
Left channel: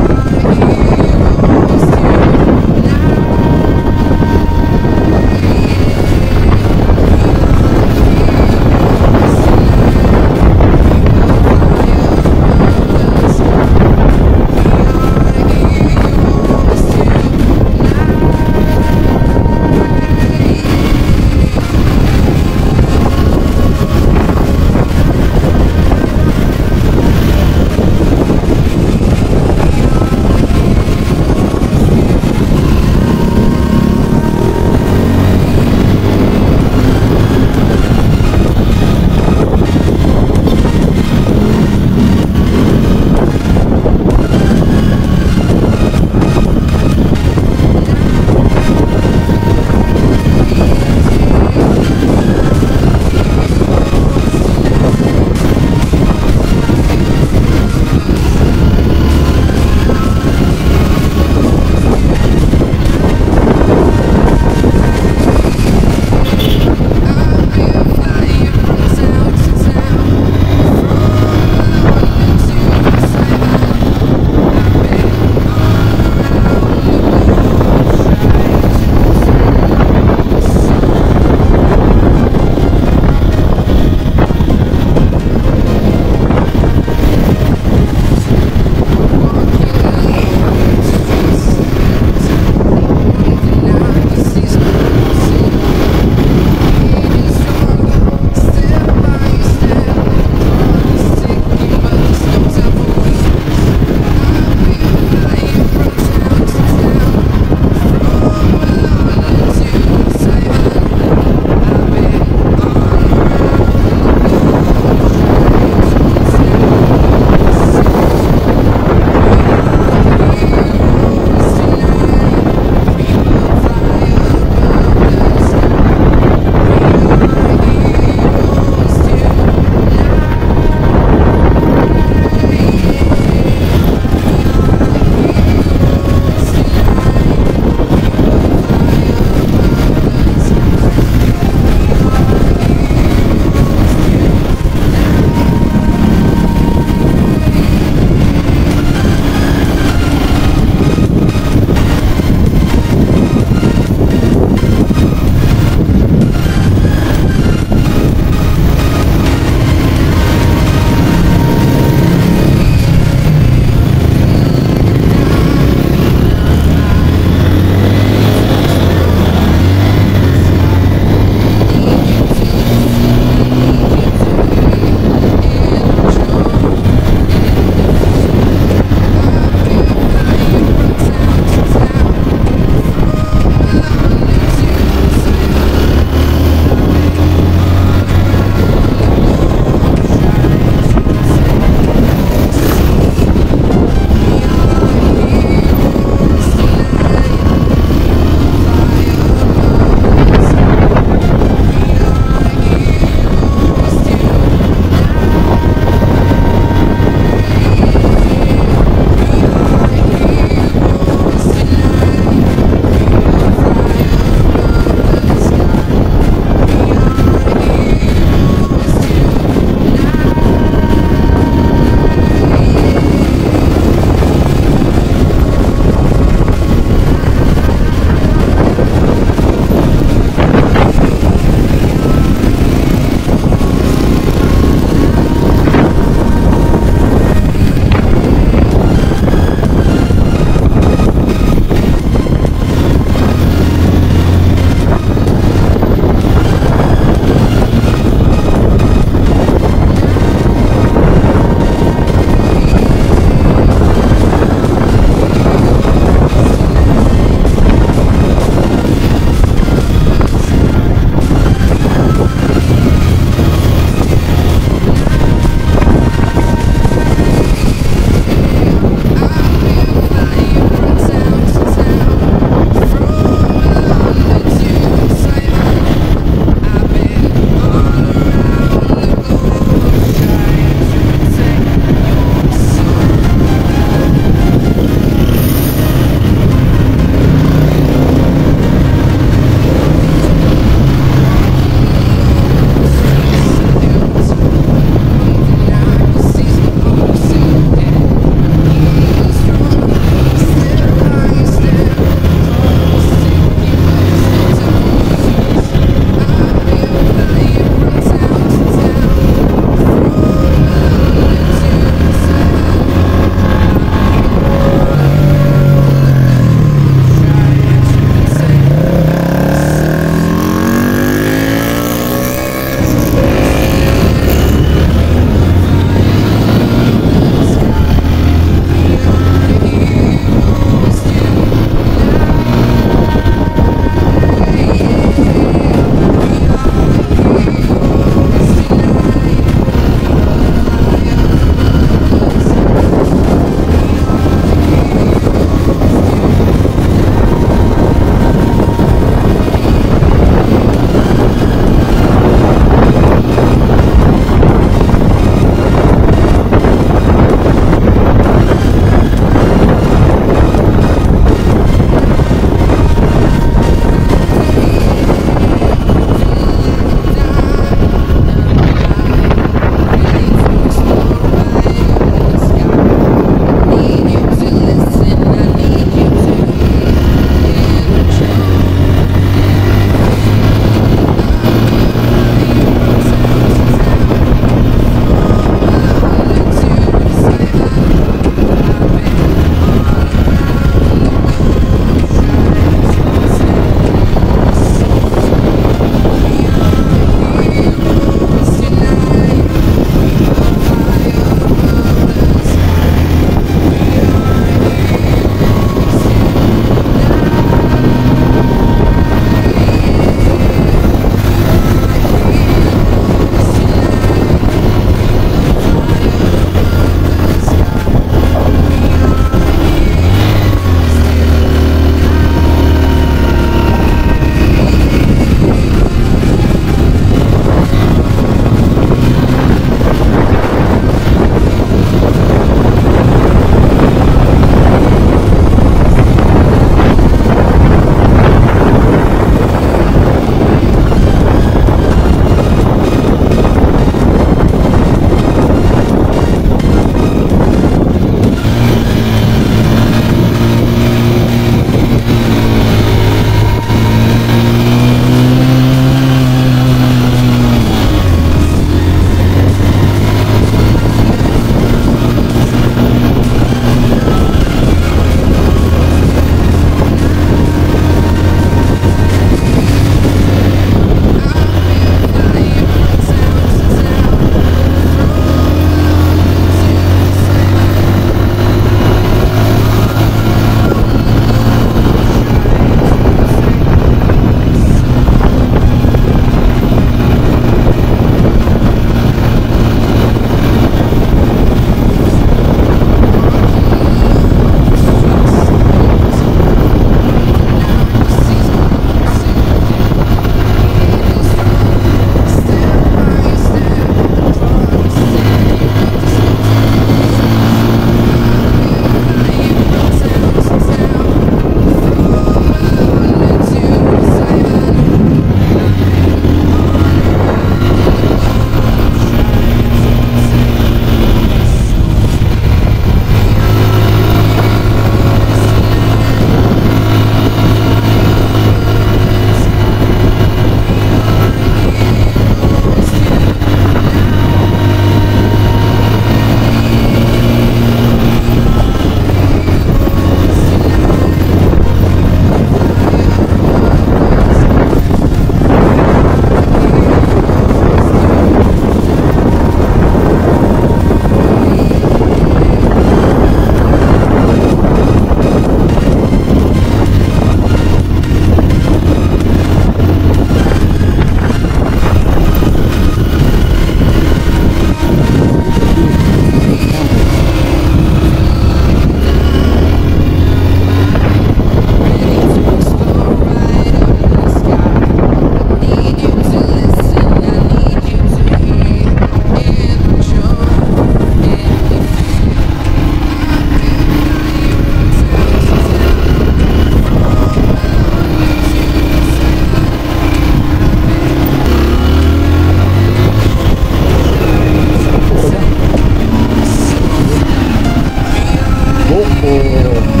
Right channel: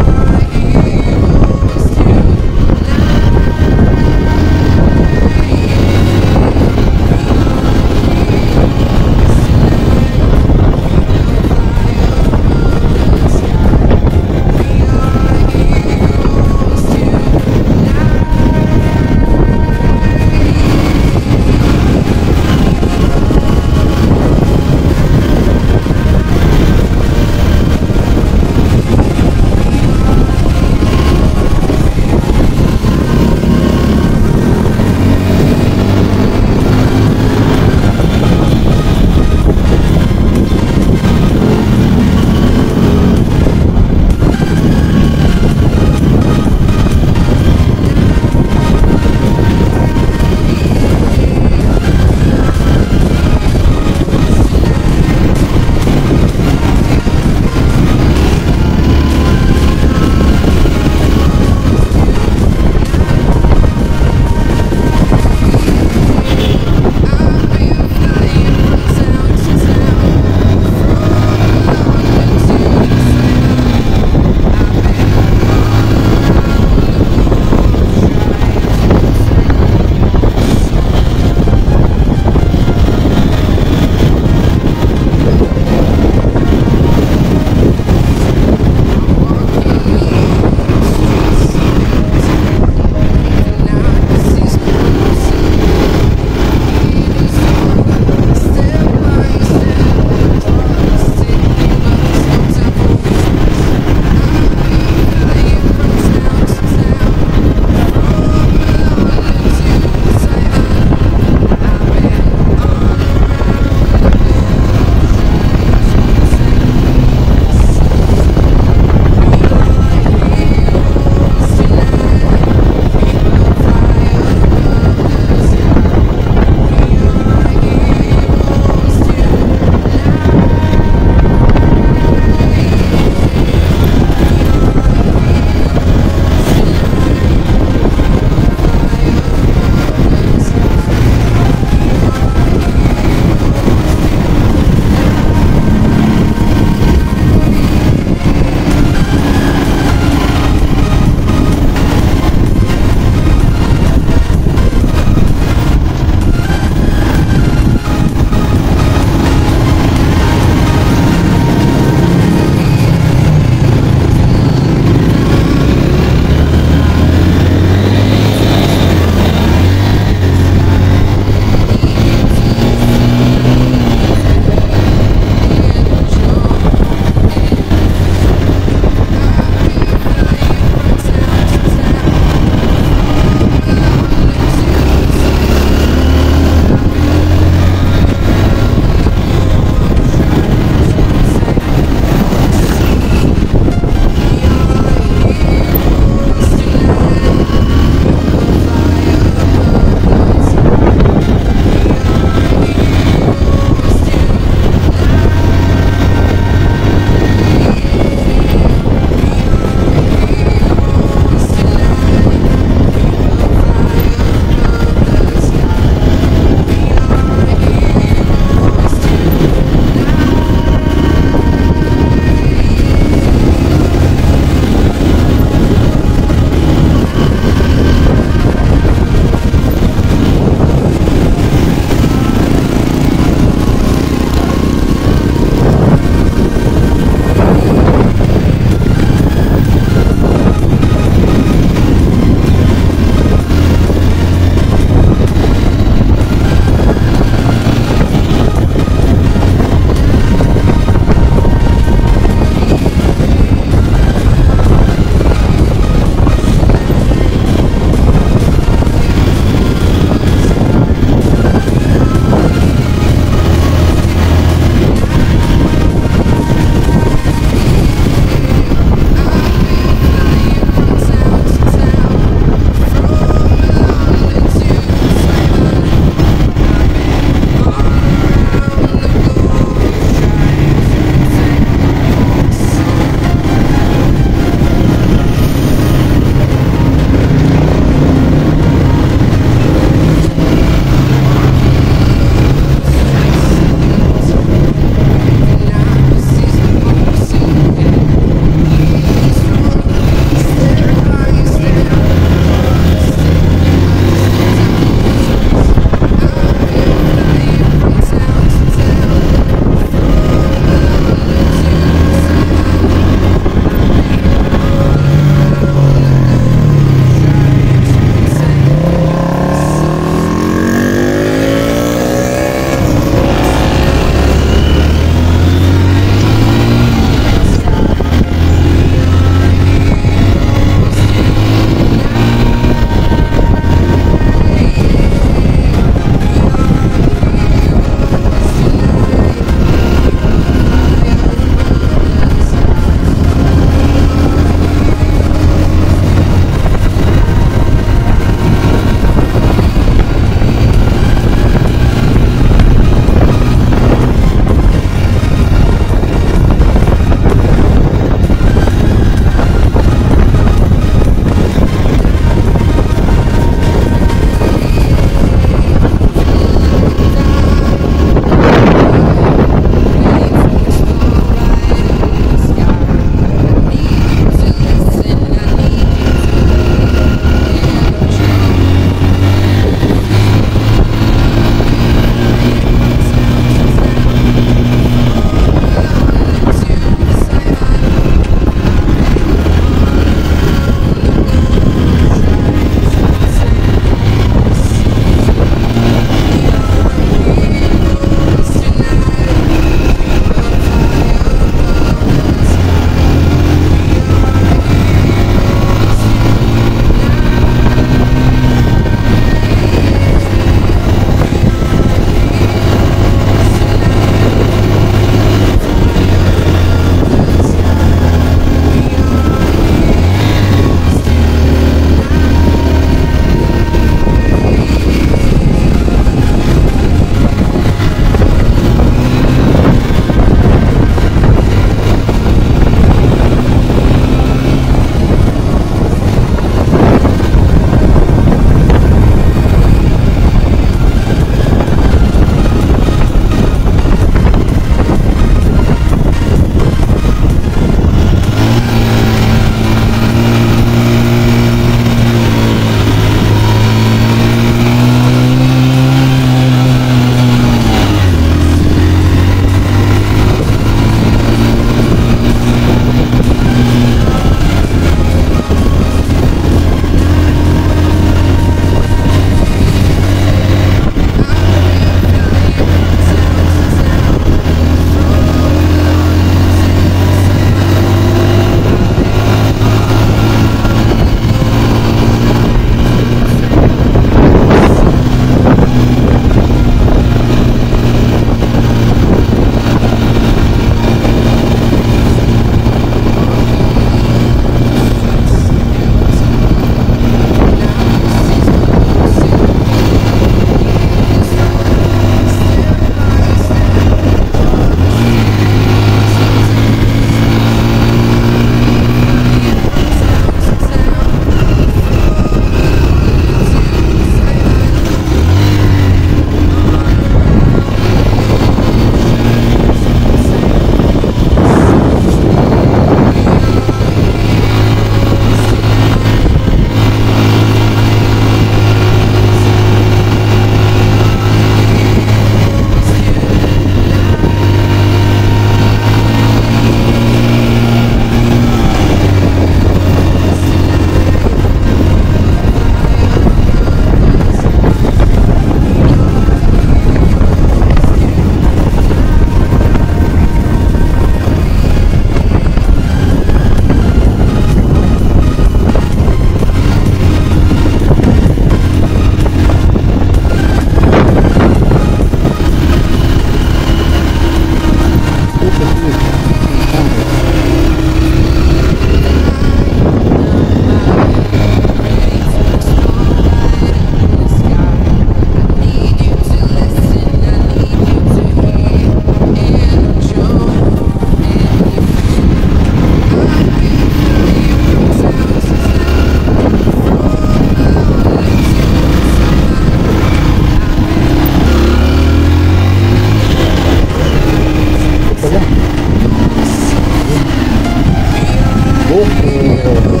buko.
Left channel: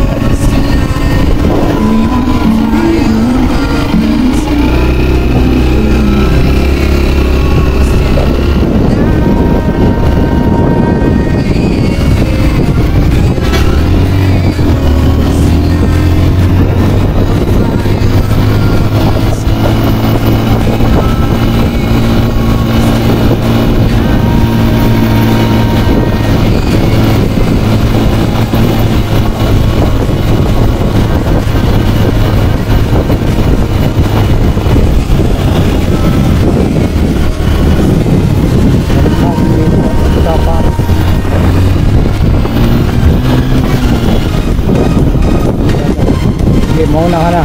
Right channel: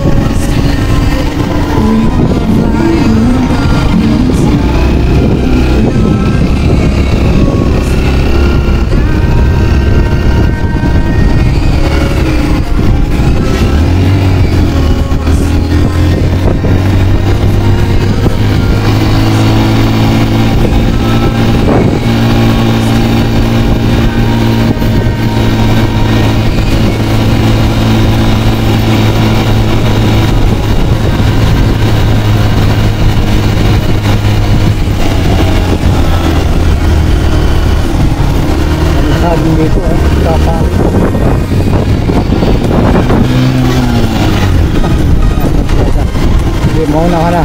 Mauna ka na.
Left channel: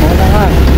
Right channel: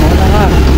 Mauna ka.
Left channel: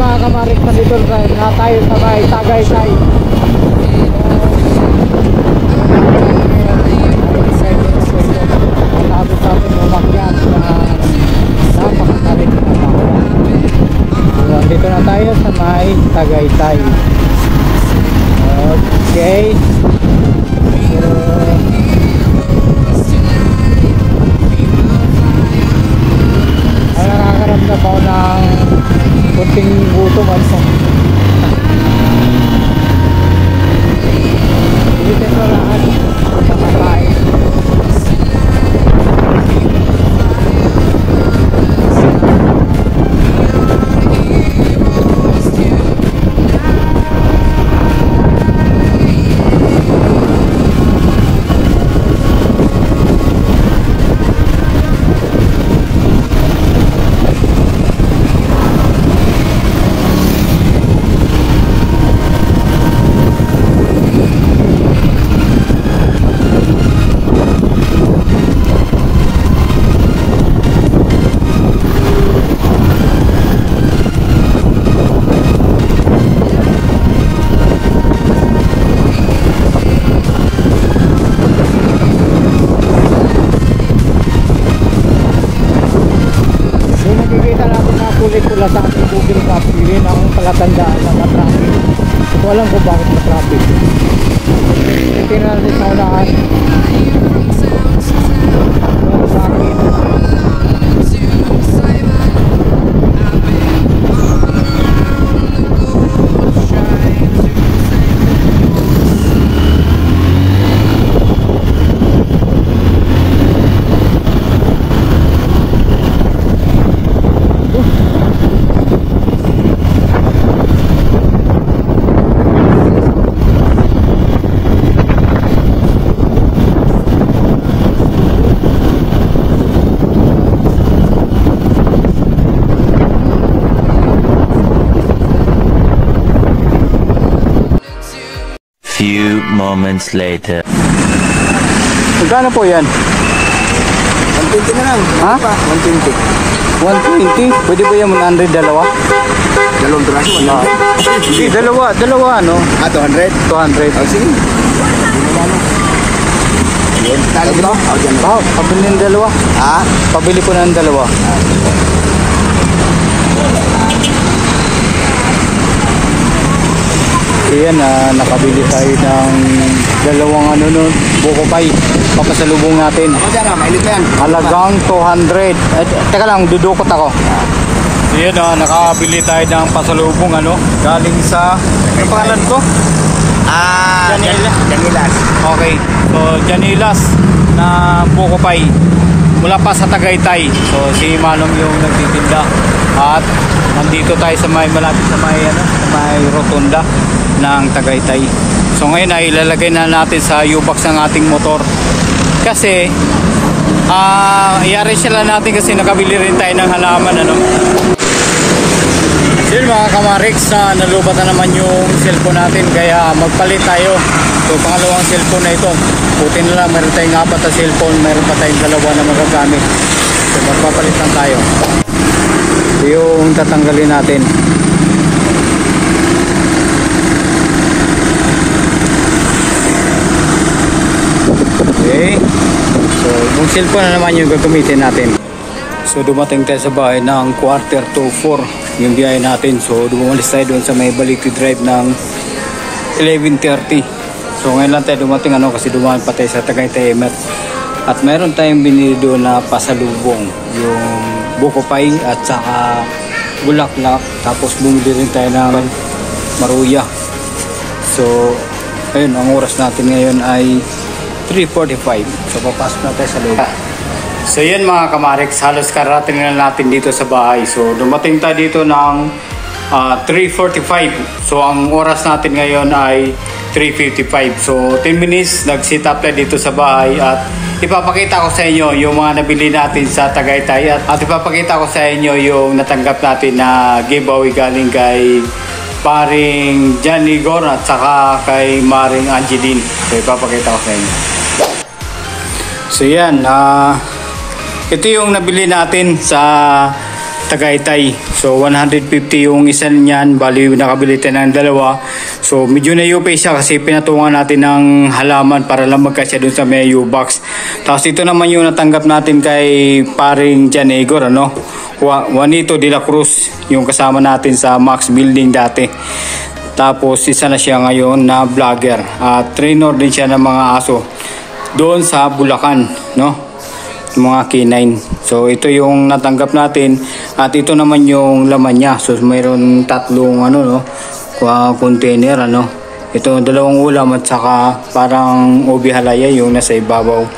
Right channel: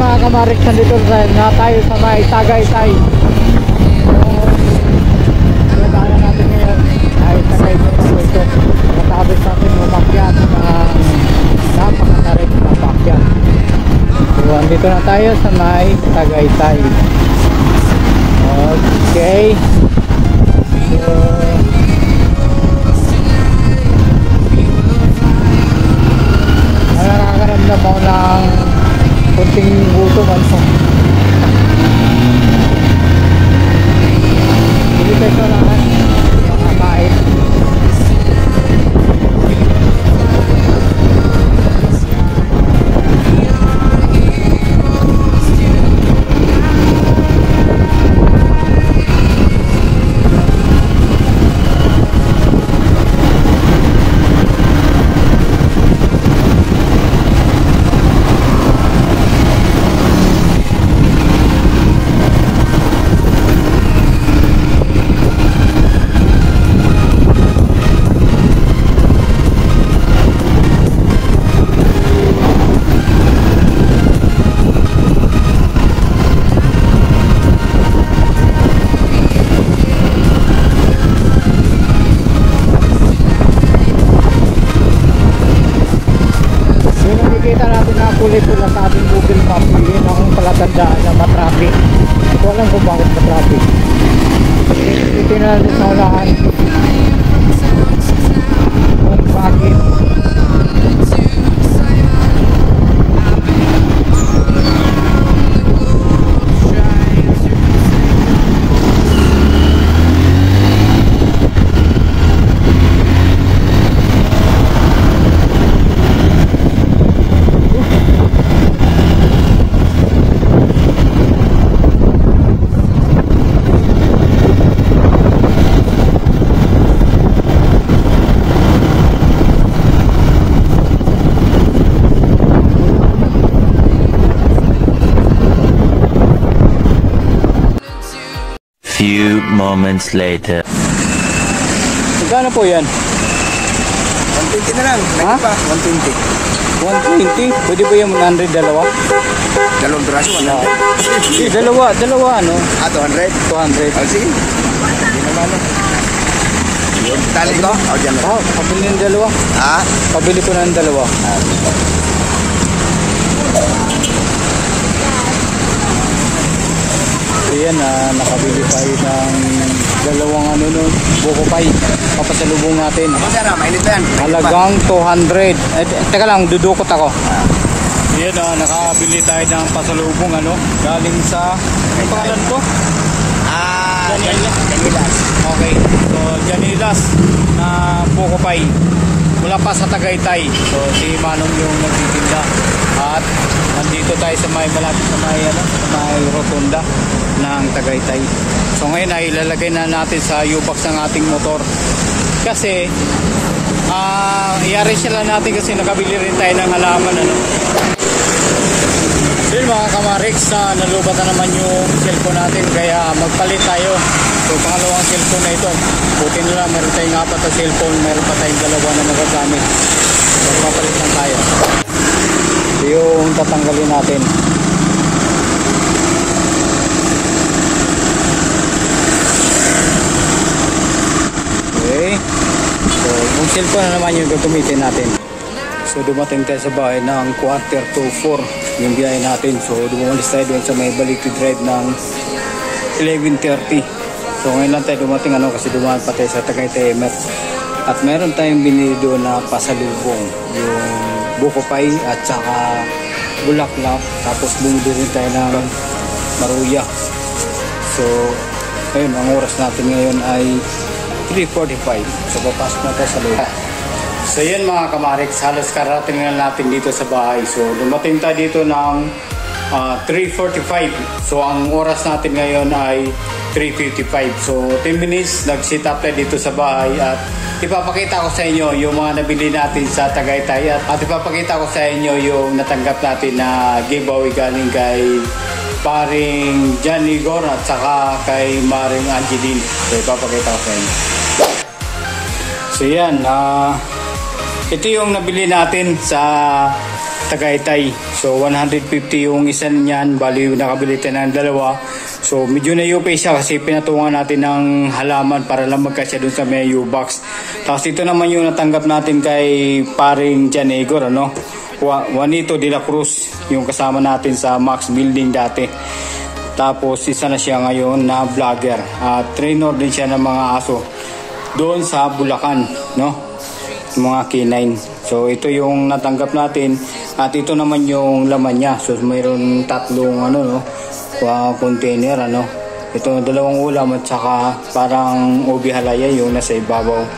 mga kamarik, nandito na tayo sa may Tagaytay. Matapos natin umakyat ng napakatarik na pakyat. So andito na tayo sa may Tagaytay. Okay. So nakakaramdam ako ng kunting gutom also. Hindi tayo sa lahat nakakain. Kulay pula sa ating Google Map, yun ang palatandaan na matraffic. Hindi ko alam kung bakit matraffic. Titignan natin sa unahan kung bakit. Few moments later. Magkano po yan? 120 na lang. Ha? 120. 120? Pwede ba yan 100 dalawa? Dalawang braso, ano? Hindi, dalawa ano? 200. 200. Ay, sige. Hindi naman, ano? Ayun. Tali ba? O, dyan na. Pabili ng dalawa. Ha? Pabili po ng dalawa. Ayan, nakabili tayo ng dalawang buko pie. Papasalubong natin. Ako dyan, mainit na yan. Halagang 200. Teka lang, dudukot ako. Ayan, nakabili tayo ng pasalubong galing sa, ano pangalan ko? Janilas. Okay, so Janilas na buko pie mula pa sa Tagaytay. So si Manong yung nagtitinda. At nandito tayo sa malapit sa may rotunda ng Tagaytay. So ngayon ay ilalagay na natin sa U-box ng ating motor. Kasi i-arrange lang natin kasi nakabili rin tayo ng halaman So yun mga kamariks, nalubat na naman yung cellphone natin kaya magpalit tayo. So pangalawang cellphone na ito. Buti na lang meron tayong 4 na cellphone, meron pa tayong 2 na magagamit. So magpapalit lang tayo. So yung tatanggalin natin. Okay. So yung cellphone na naman yung gagamitin natin. So dumating tayo sa bahay ng 3:45 yung biyahe natin. So dumalis tayo doon sa may Baliti Drive ng 11:30. So ngayon lang tayo dumating kasi dumaan pa tayo sa Tagaytay Emer. At meron tayong binili doon na pasalubong, yung buko pie at saka bulaklak. Tapos bumili rin tayo ng maruya. So ayun, ang oras natin ngayon ay 3:45. So papasok na tayo sa loob. So yan mga kamariks, halos karating na natin dito sa bahay. So dumating tayo dito ng 3:45. So ang oras natin ngayon ay 3:55. So 10 minutes nag-sit up tayo dito sa bahay at ipapakita ko sa inyo yung mga nabili natin sa Tagaytay at ipapakita ko sa inyo yung natanggap natin na giveaway galing kay paring John Igor at saka kay Maring Angeline. So ipapakita ko sa inyo. So yan, ito yung nabili natin sa Tagaytay. So 150 yung isa niyan, bali nakabili tayo ng dalawa. So medyo na-UP siya kasi pinatungan natin ng halaman para lang magkasya dun sa may U-box. Tapos ito naman yung natanggap natin kay paring Jan Igor, ano? Juanito de la Cruz, yung kasama natin sa Max Building dati. Tapos isa na siya ngayon na vlogger. Trainer din siya ng mga aso doon sa Bulacan, no? Mga K9. So ito yung natanggap natin at ito naman yung laman niya. So mayroon tatlong ano, no, container, ano. Ito dalawang ulam at saka parang ubi halaya yung nasa ibabaw.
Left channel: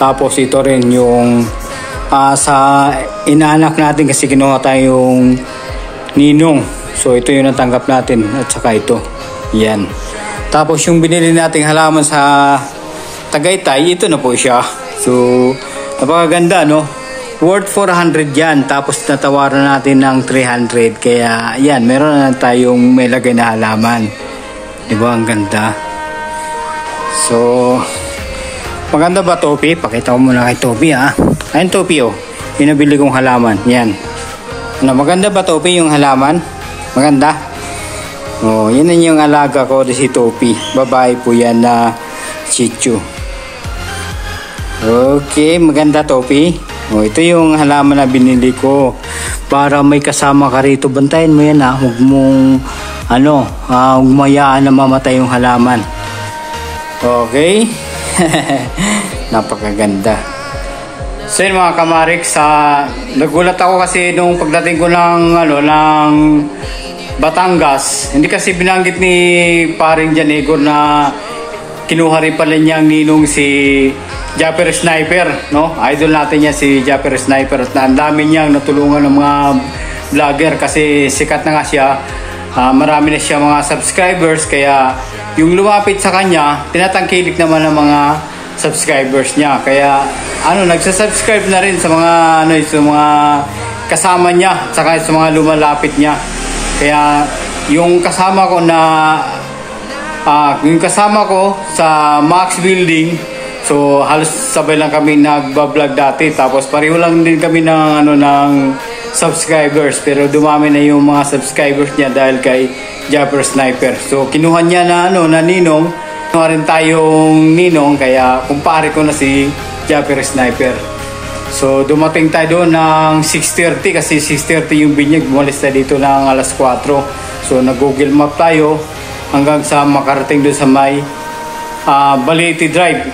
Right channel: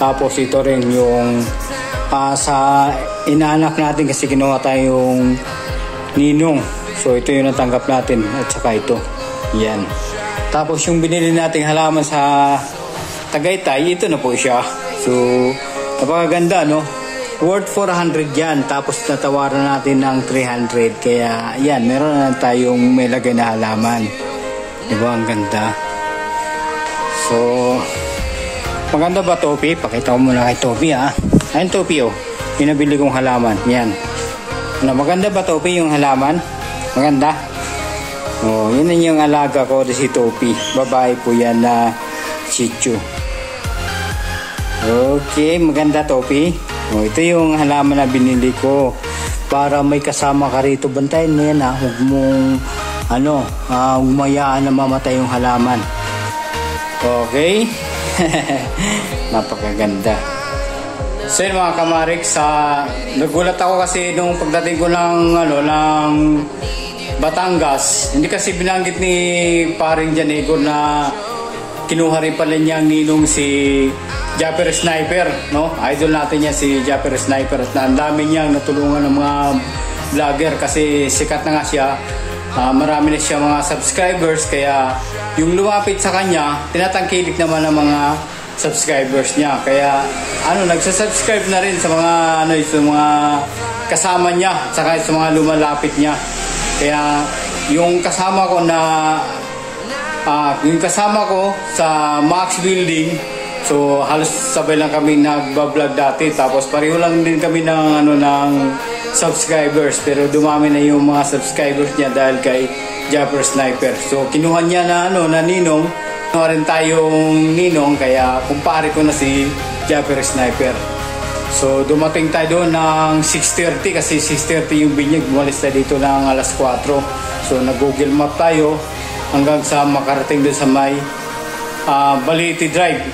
Tapos ito rin yung sa inaanak natin kasi kinuha tayong ninong. So ito yung natanggap natin at saka ito. Yan. Tapos yung binili nating halaman sa Tagaytay, ito na po siya. So napakaganda, no? Worth 400 yan. Tapos natawaran natin ng 300. Kaya yan, meron na tayong may lagay na halaman. Diba? Ang ganda. So maganda ba, Topi? Pakita ko muna kay Topi, ha? Ayun, Topi, oh. Yung nabili kong halaman. Yan. Ano, maganda ba, Topi, yung halaman? Maganda? Oh, yan na yung alaga ko, si Topi. Babae po yan na Shih Tzu. Okay, maganda, Topi. Oh, ito yung halaman na binili ko para may kasama ka rito. Bantayan mo yan, ha. Huwag mong huwag mayaan na mamatay yung halaman. Okay. Napakaganda. So yun mga kamarik, nagulat ako kasi nung pagdating ko ng Batangas, hindi kasi binanggit ni paring Jan Igor na kinuha rin pala niyang ninong si Japper Sniper, no? Idol natin niya si Japper Sniper at ang dami niyang natulungan ng mga vlogger kasi sikat na nga siya. Marami na siya mga subscribers kaya yung lumapit sa kanya, tinatangkilik naman ng mga subscribers niya. Kaya nagsasubscribe na rin sa mga sa mga kasama niya, saka sa mga lumalapit niya. Kaya yung kasama ko sa Max Building, so halos sabay lang kami nagba-vlog dati, tapos pareho lang din kami ng subscribers, pero dumami na yung mga subscribers niya dahil kay Japper Sniper. So kinuha niya na ninong, kinuha rin tayong ninong, kaya kumpare ko na si Japper Sniper. So dumating tayo doon ng 6:30 kasi 6:30 yung binyag, bumalis tayo dito ng alas 4. So nag-Google Map tayo hanggang sa makarating doon sa may Balete Drive.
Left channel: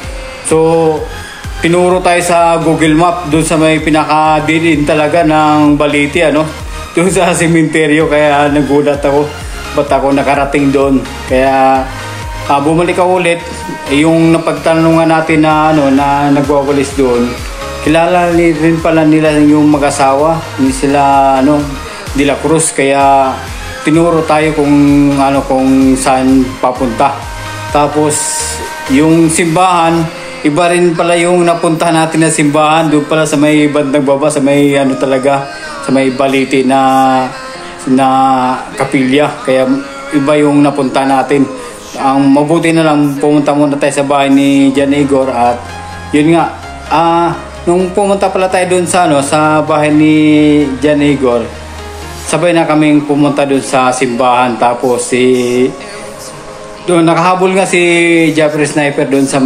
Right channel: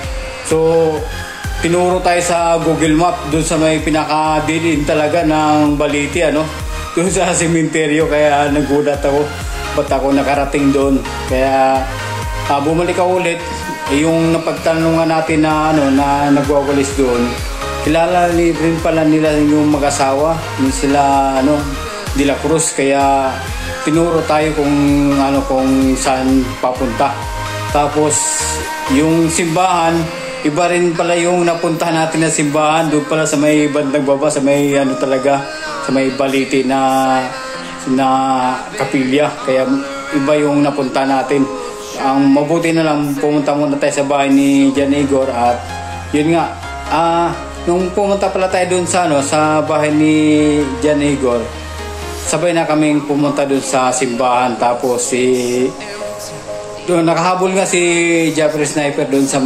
So tinuro tayo sa Google Map doon sa may pinaka-din talaga ng Balete, doon sa sementeryo. Kaya nagulat ako, ba't ako nakarating doon. Kaya bumalik ako ulit. Yung napagtanungan natin na nagwawalis doon, kilala rin pala nila yung mag-asawa, hindi sila de la Cruz, kaya tinuro tayo kung saan papunta. Tapos yung simbahan, iba rin pala yung napunta natin na simbahan, doon pala sa may bandang baba, sa may talaga, sa may Balete na kapilya. Kaya iba yung napunta natin. Ang mabuti na lang, pumunta muna tayo sa bahay ni Jan Igor at yun nga, nung pumunta pala tayo doon sa bahay ni Jan Igor, sabay na kaming pumunta doon sa simbahan. Tapos doon nakahabol nga si Japper Sniper doon sa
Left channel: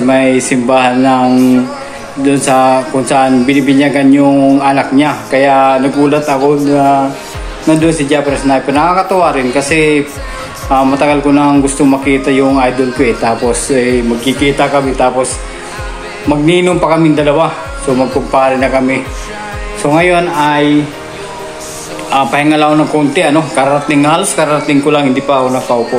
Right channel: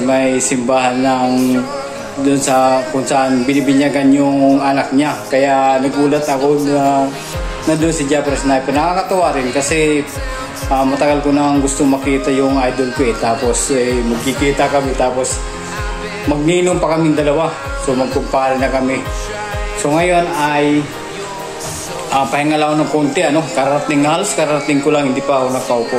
may simbahan doon sa kung saan binibinyagan yung anak niya. Kaya nagulat ako na nandoon si Japper Sniper. Nakakatawa rin kasi matagal ko nang gusto makita yung idol ko Tapos magkikita kami, tapos magninom pa kaming dalawa. So magkumpare na kami. So ngayon ay pahinga lang ako ng konti, karating ko lang, hindi pa ako nakaupo.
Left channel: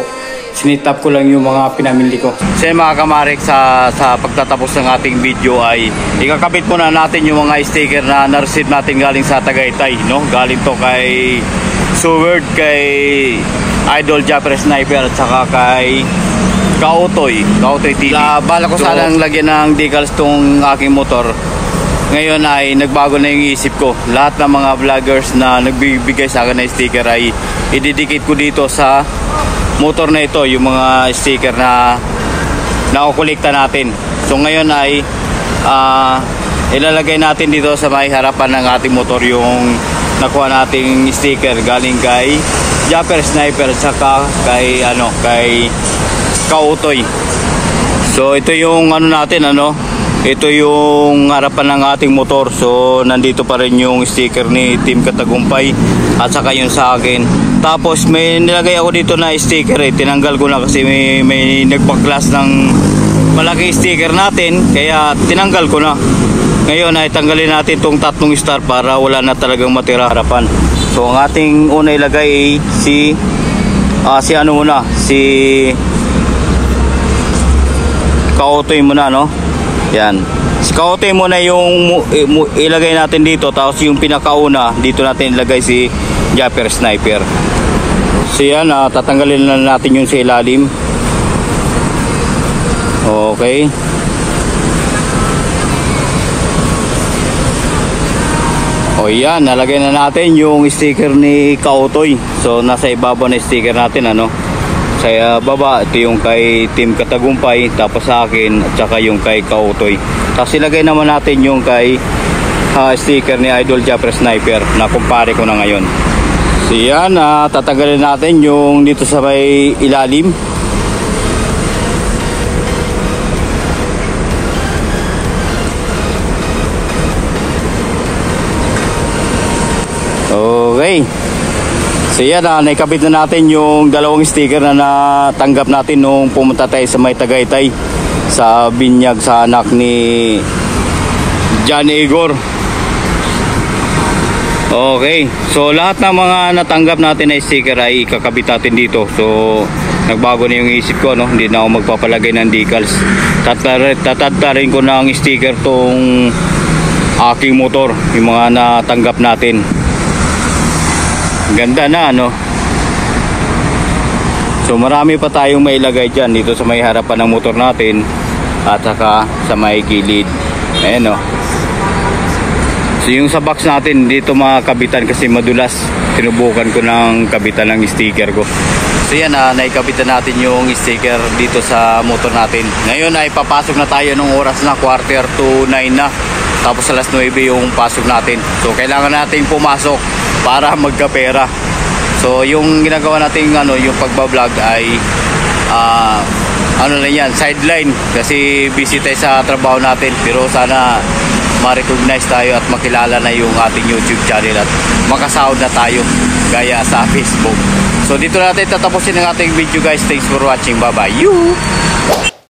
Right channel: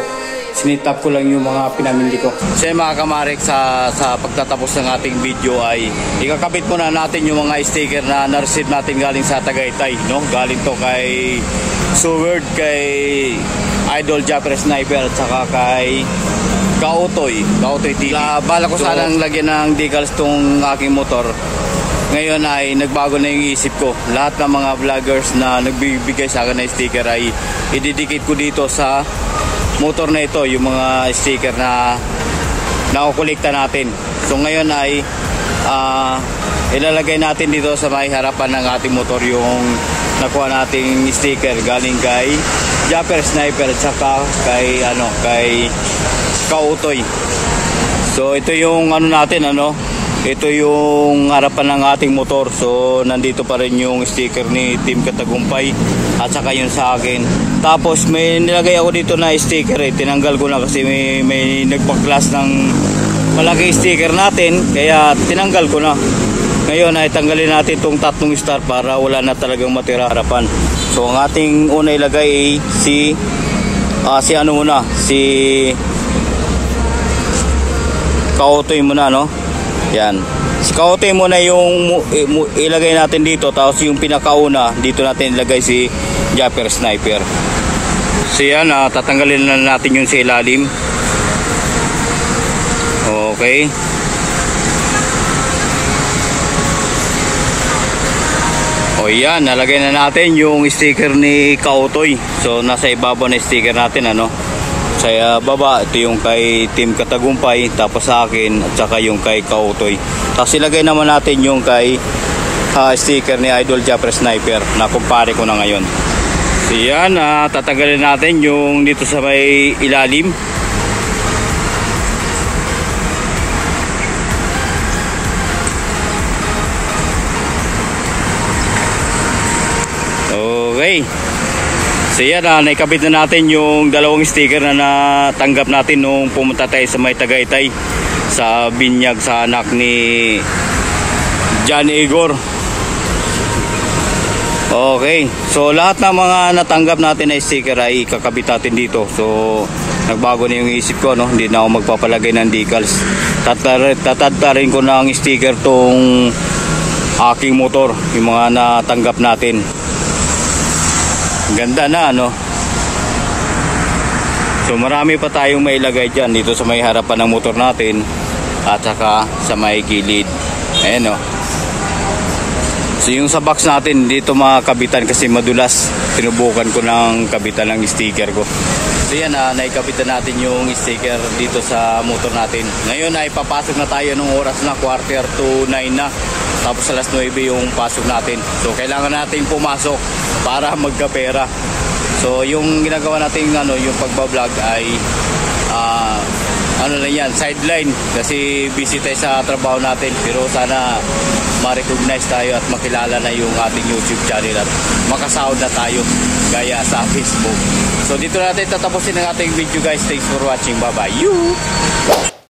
Sinitap ko lang yung mga pinamili ko. So mga kamarik, sa pagtatapos ng ating video ay ikakabit muna natin yung mga sticker na na-receive natin galing sa Tagaytay, galing to kay Seward, kay Idol Japper Sniper at saka kay Kautoy TV. Bala ko sanang lagyan ng decals tong aking motor. Ngayon ay nagbago na yung isip ko. Lahat ng mga vloggers na nagbibigay sa akin ng sticker ay ididikit ko dito sa motor na ito, yung mga sticker na nakukulikta natin. So ngayon ay ilalagay natin dito sa may harapan ng ating motor yung nakuha nating sticker galing kay Japper Sniper at saka kay Kautoy. So ito yung natin, ito yung harapan ng ating motor. So nandito pa rin yung sticker ni Team Katagumpay at saka yung sa akin. Tapos may nilagay ako dito na sticker, tinanggal ko na kasi may nagpa-class ng malaki sticker natin, kaya tinanggal ko na. Ngayon ay tanggalin natin itong 3 star para wala na talagang matira harapan. So ang ating una ilagay ay si Kautoy muna, yan. Si Kautoy muna yung ilagay natin dito, tapos yung pinakauna dito natin ilagay si Japper Sniper. So yan, tatanggalin na natin yung sa ilalim. Okay. O yan, nalagay na natin yung sticker ni Kautoy. So nasa ibabaw na sticker natin, sa baba, ito yung kay Team Katagumpay, tapos sa akin at saka yung kay Kautoy. Tapos ilagay naman natin yung kay sticker ni Idol Japper Sniper na kumpare ko na ngayon. So yan, tatanggalin natin yung dito sa may ilalim. Okay. So yan, naikabit na natin yung dalawang sticker na natanggap natin nung pumunta tayo sa may Tagaytay sa binyag sa anak ni John Igor. Okay. So lahat ng mga natanggap natin na sticker ay ikakabit natin dito. So nagbago na yung isip ko, hindi na ako magpapalagay ng decals. Tatadtarin ko na ang sticker tong aking motor, yung mga natanggap natin. Ganda na, So marami pa tayong mailagay dyan dito sa may harapan ng motor natin at saka sa may gilid. Ayan, So yung sa box natin dito makabitan kasi madulas. Sinubukan ko ng kabitan ng sticker ko. So yan, naikabitan natin yung sticker dito sa motor natin. Ngayon ay papasok na tayo ng oras na 8:45 na. Tapos alas 9 yung pasok natin. So kailangan natin pumasok para magkapera. So yung ginagawa natin yung pagbablog ay lang yan, sideline kasi busy tayo sa trabaho natin, pero sana ma-recognize tayo at makilala na yung ating YouTube channel at makasahod na tayo gaya sa Facebook. So dito natin tatapusin ang ating video guys. Thanks for watching. Bye bye.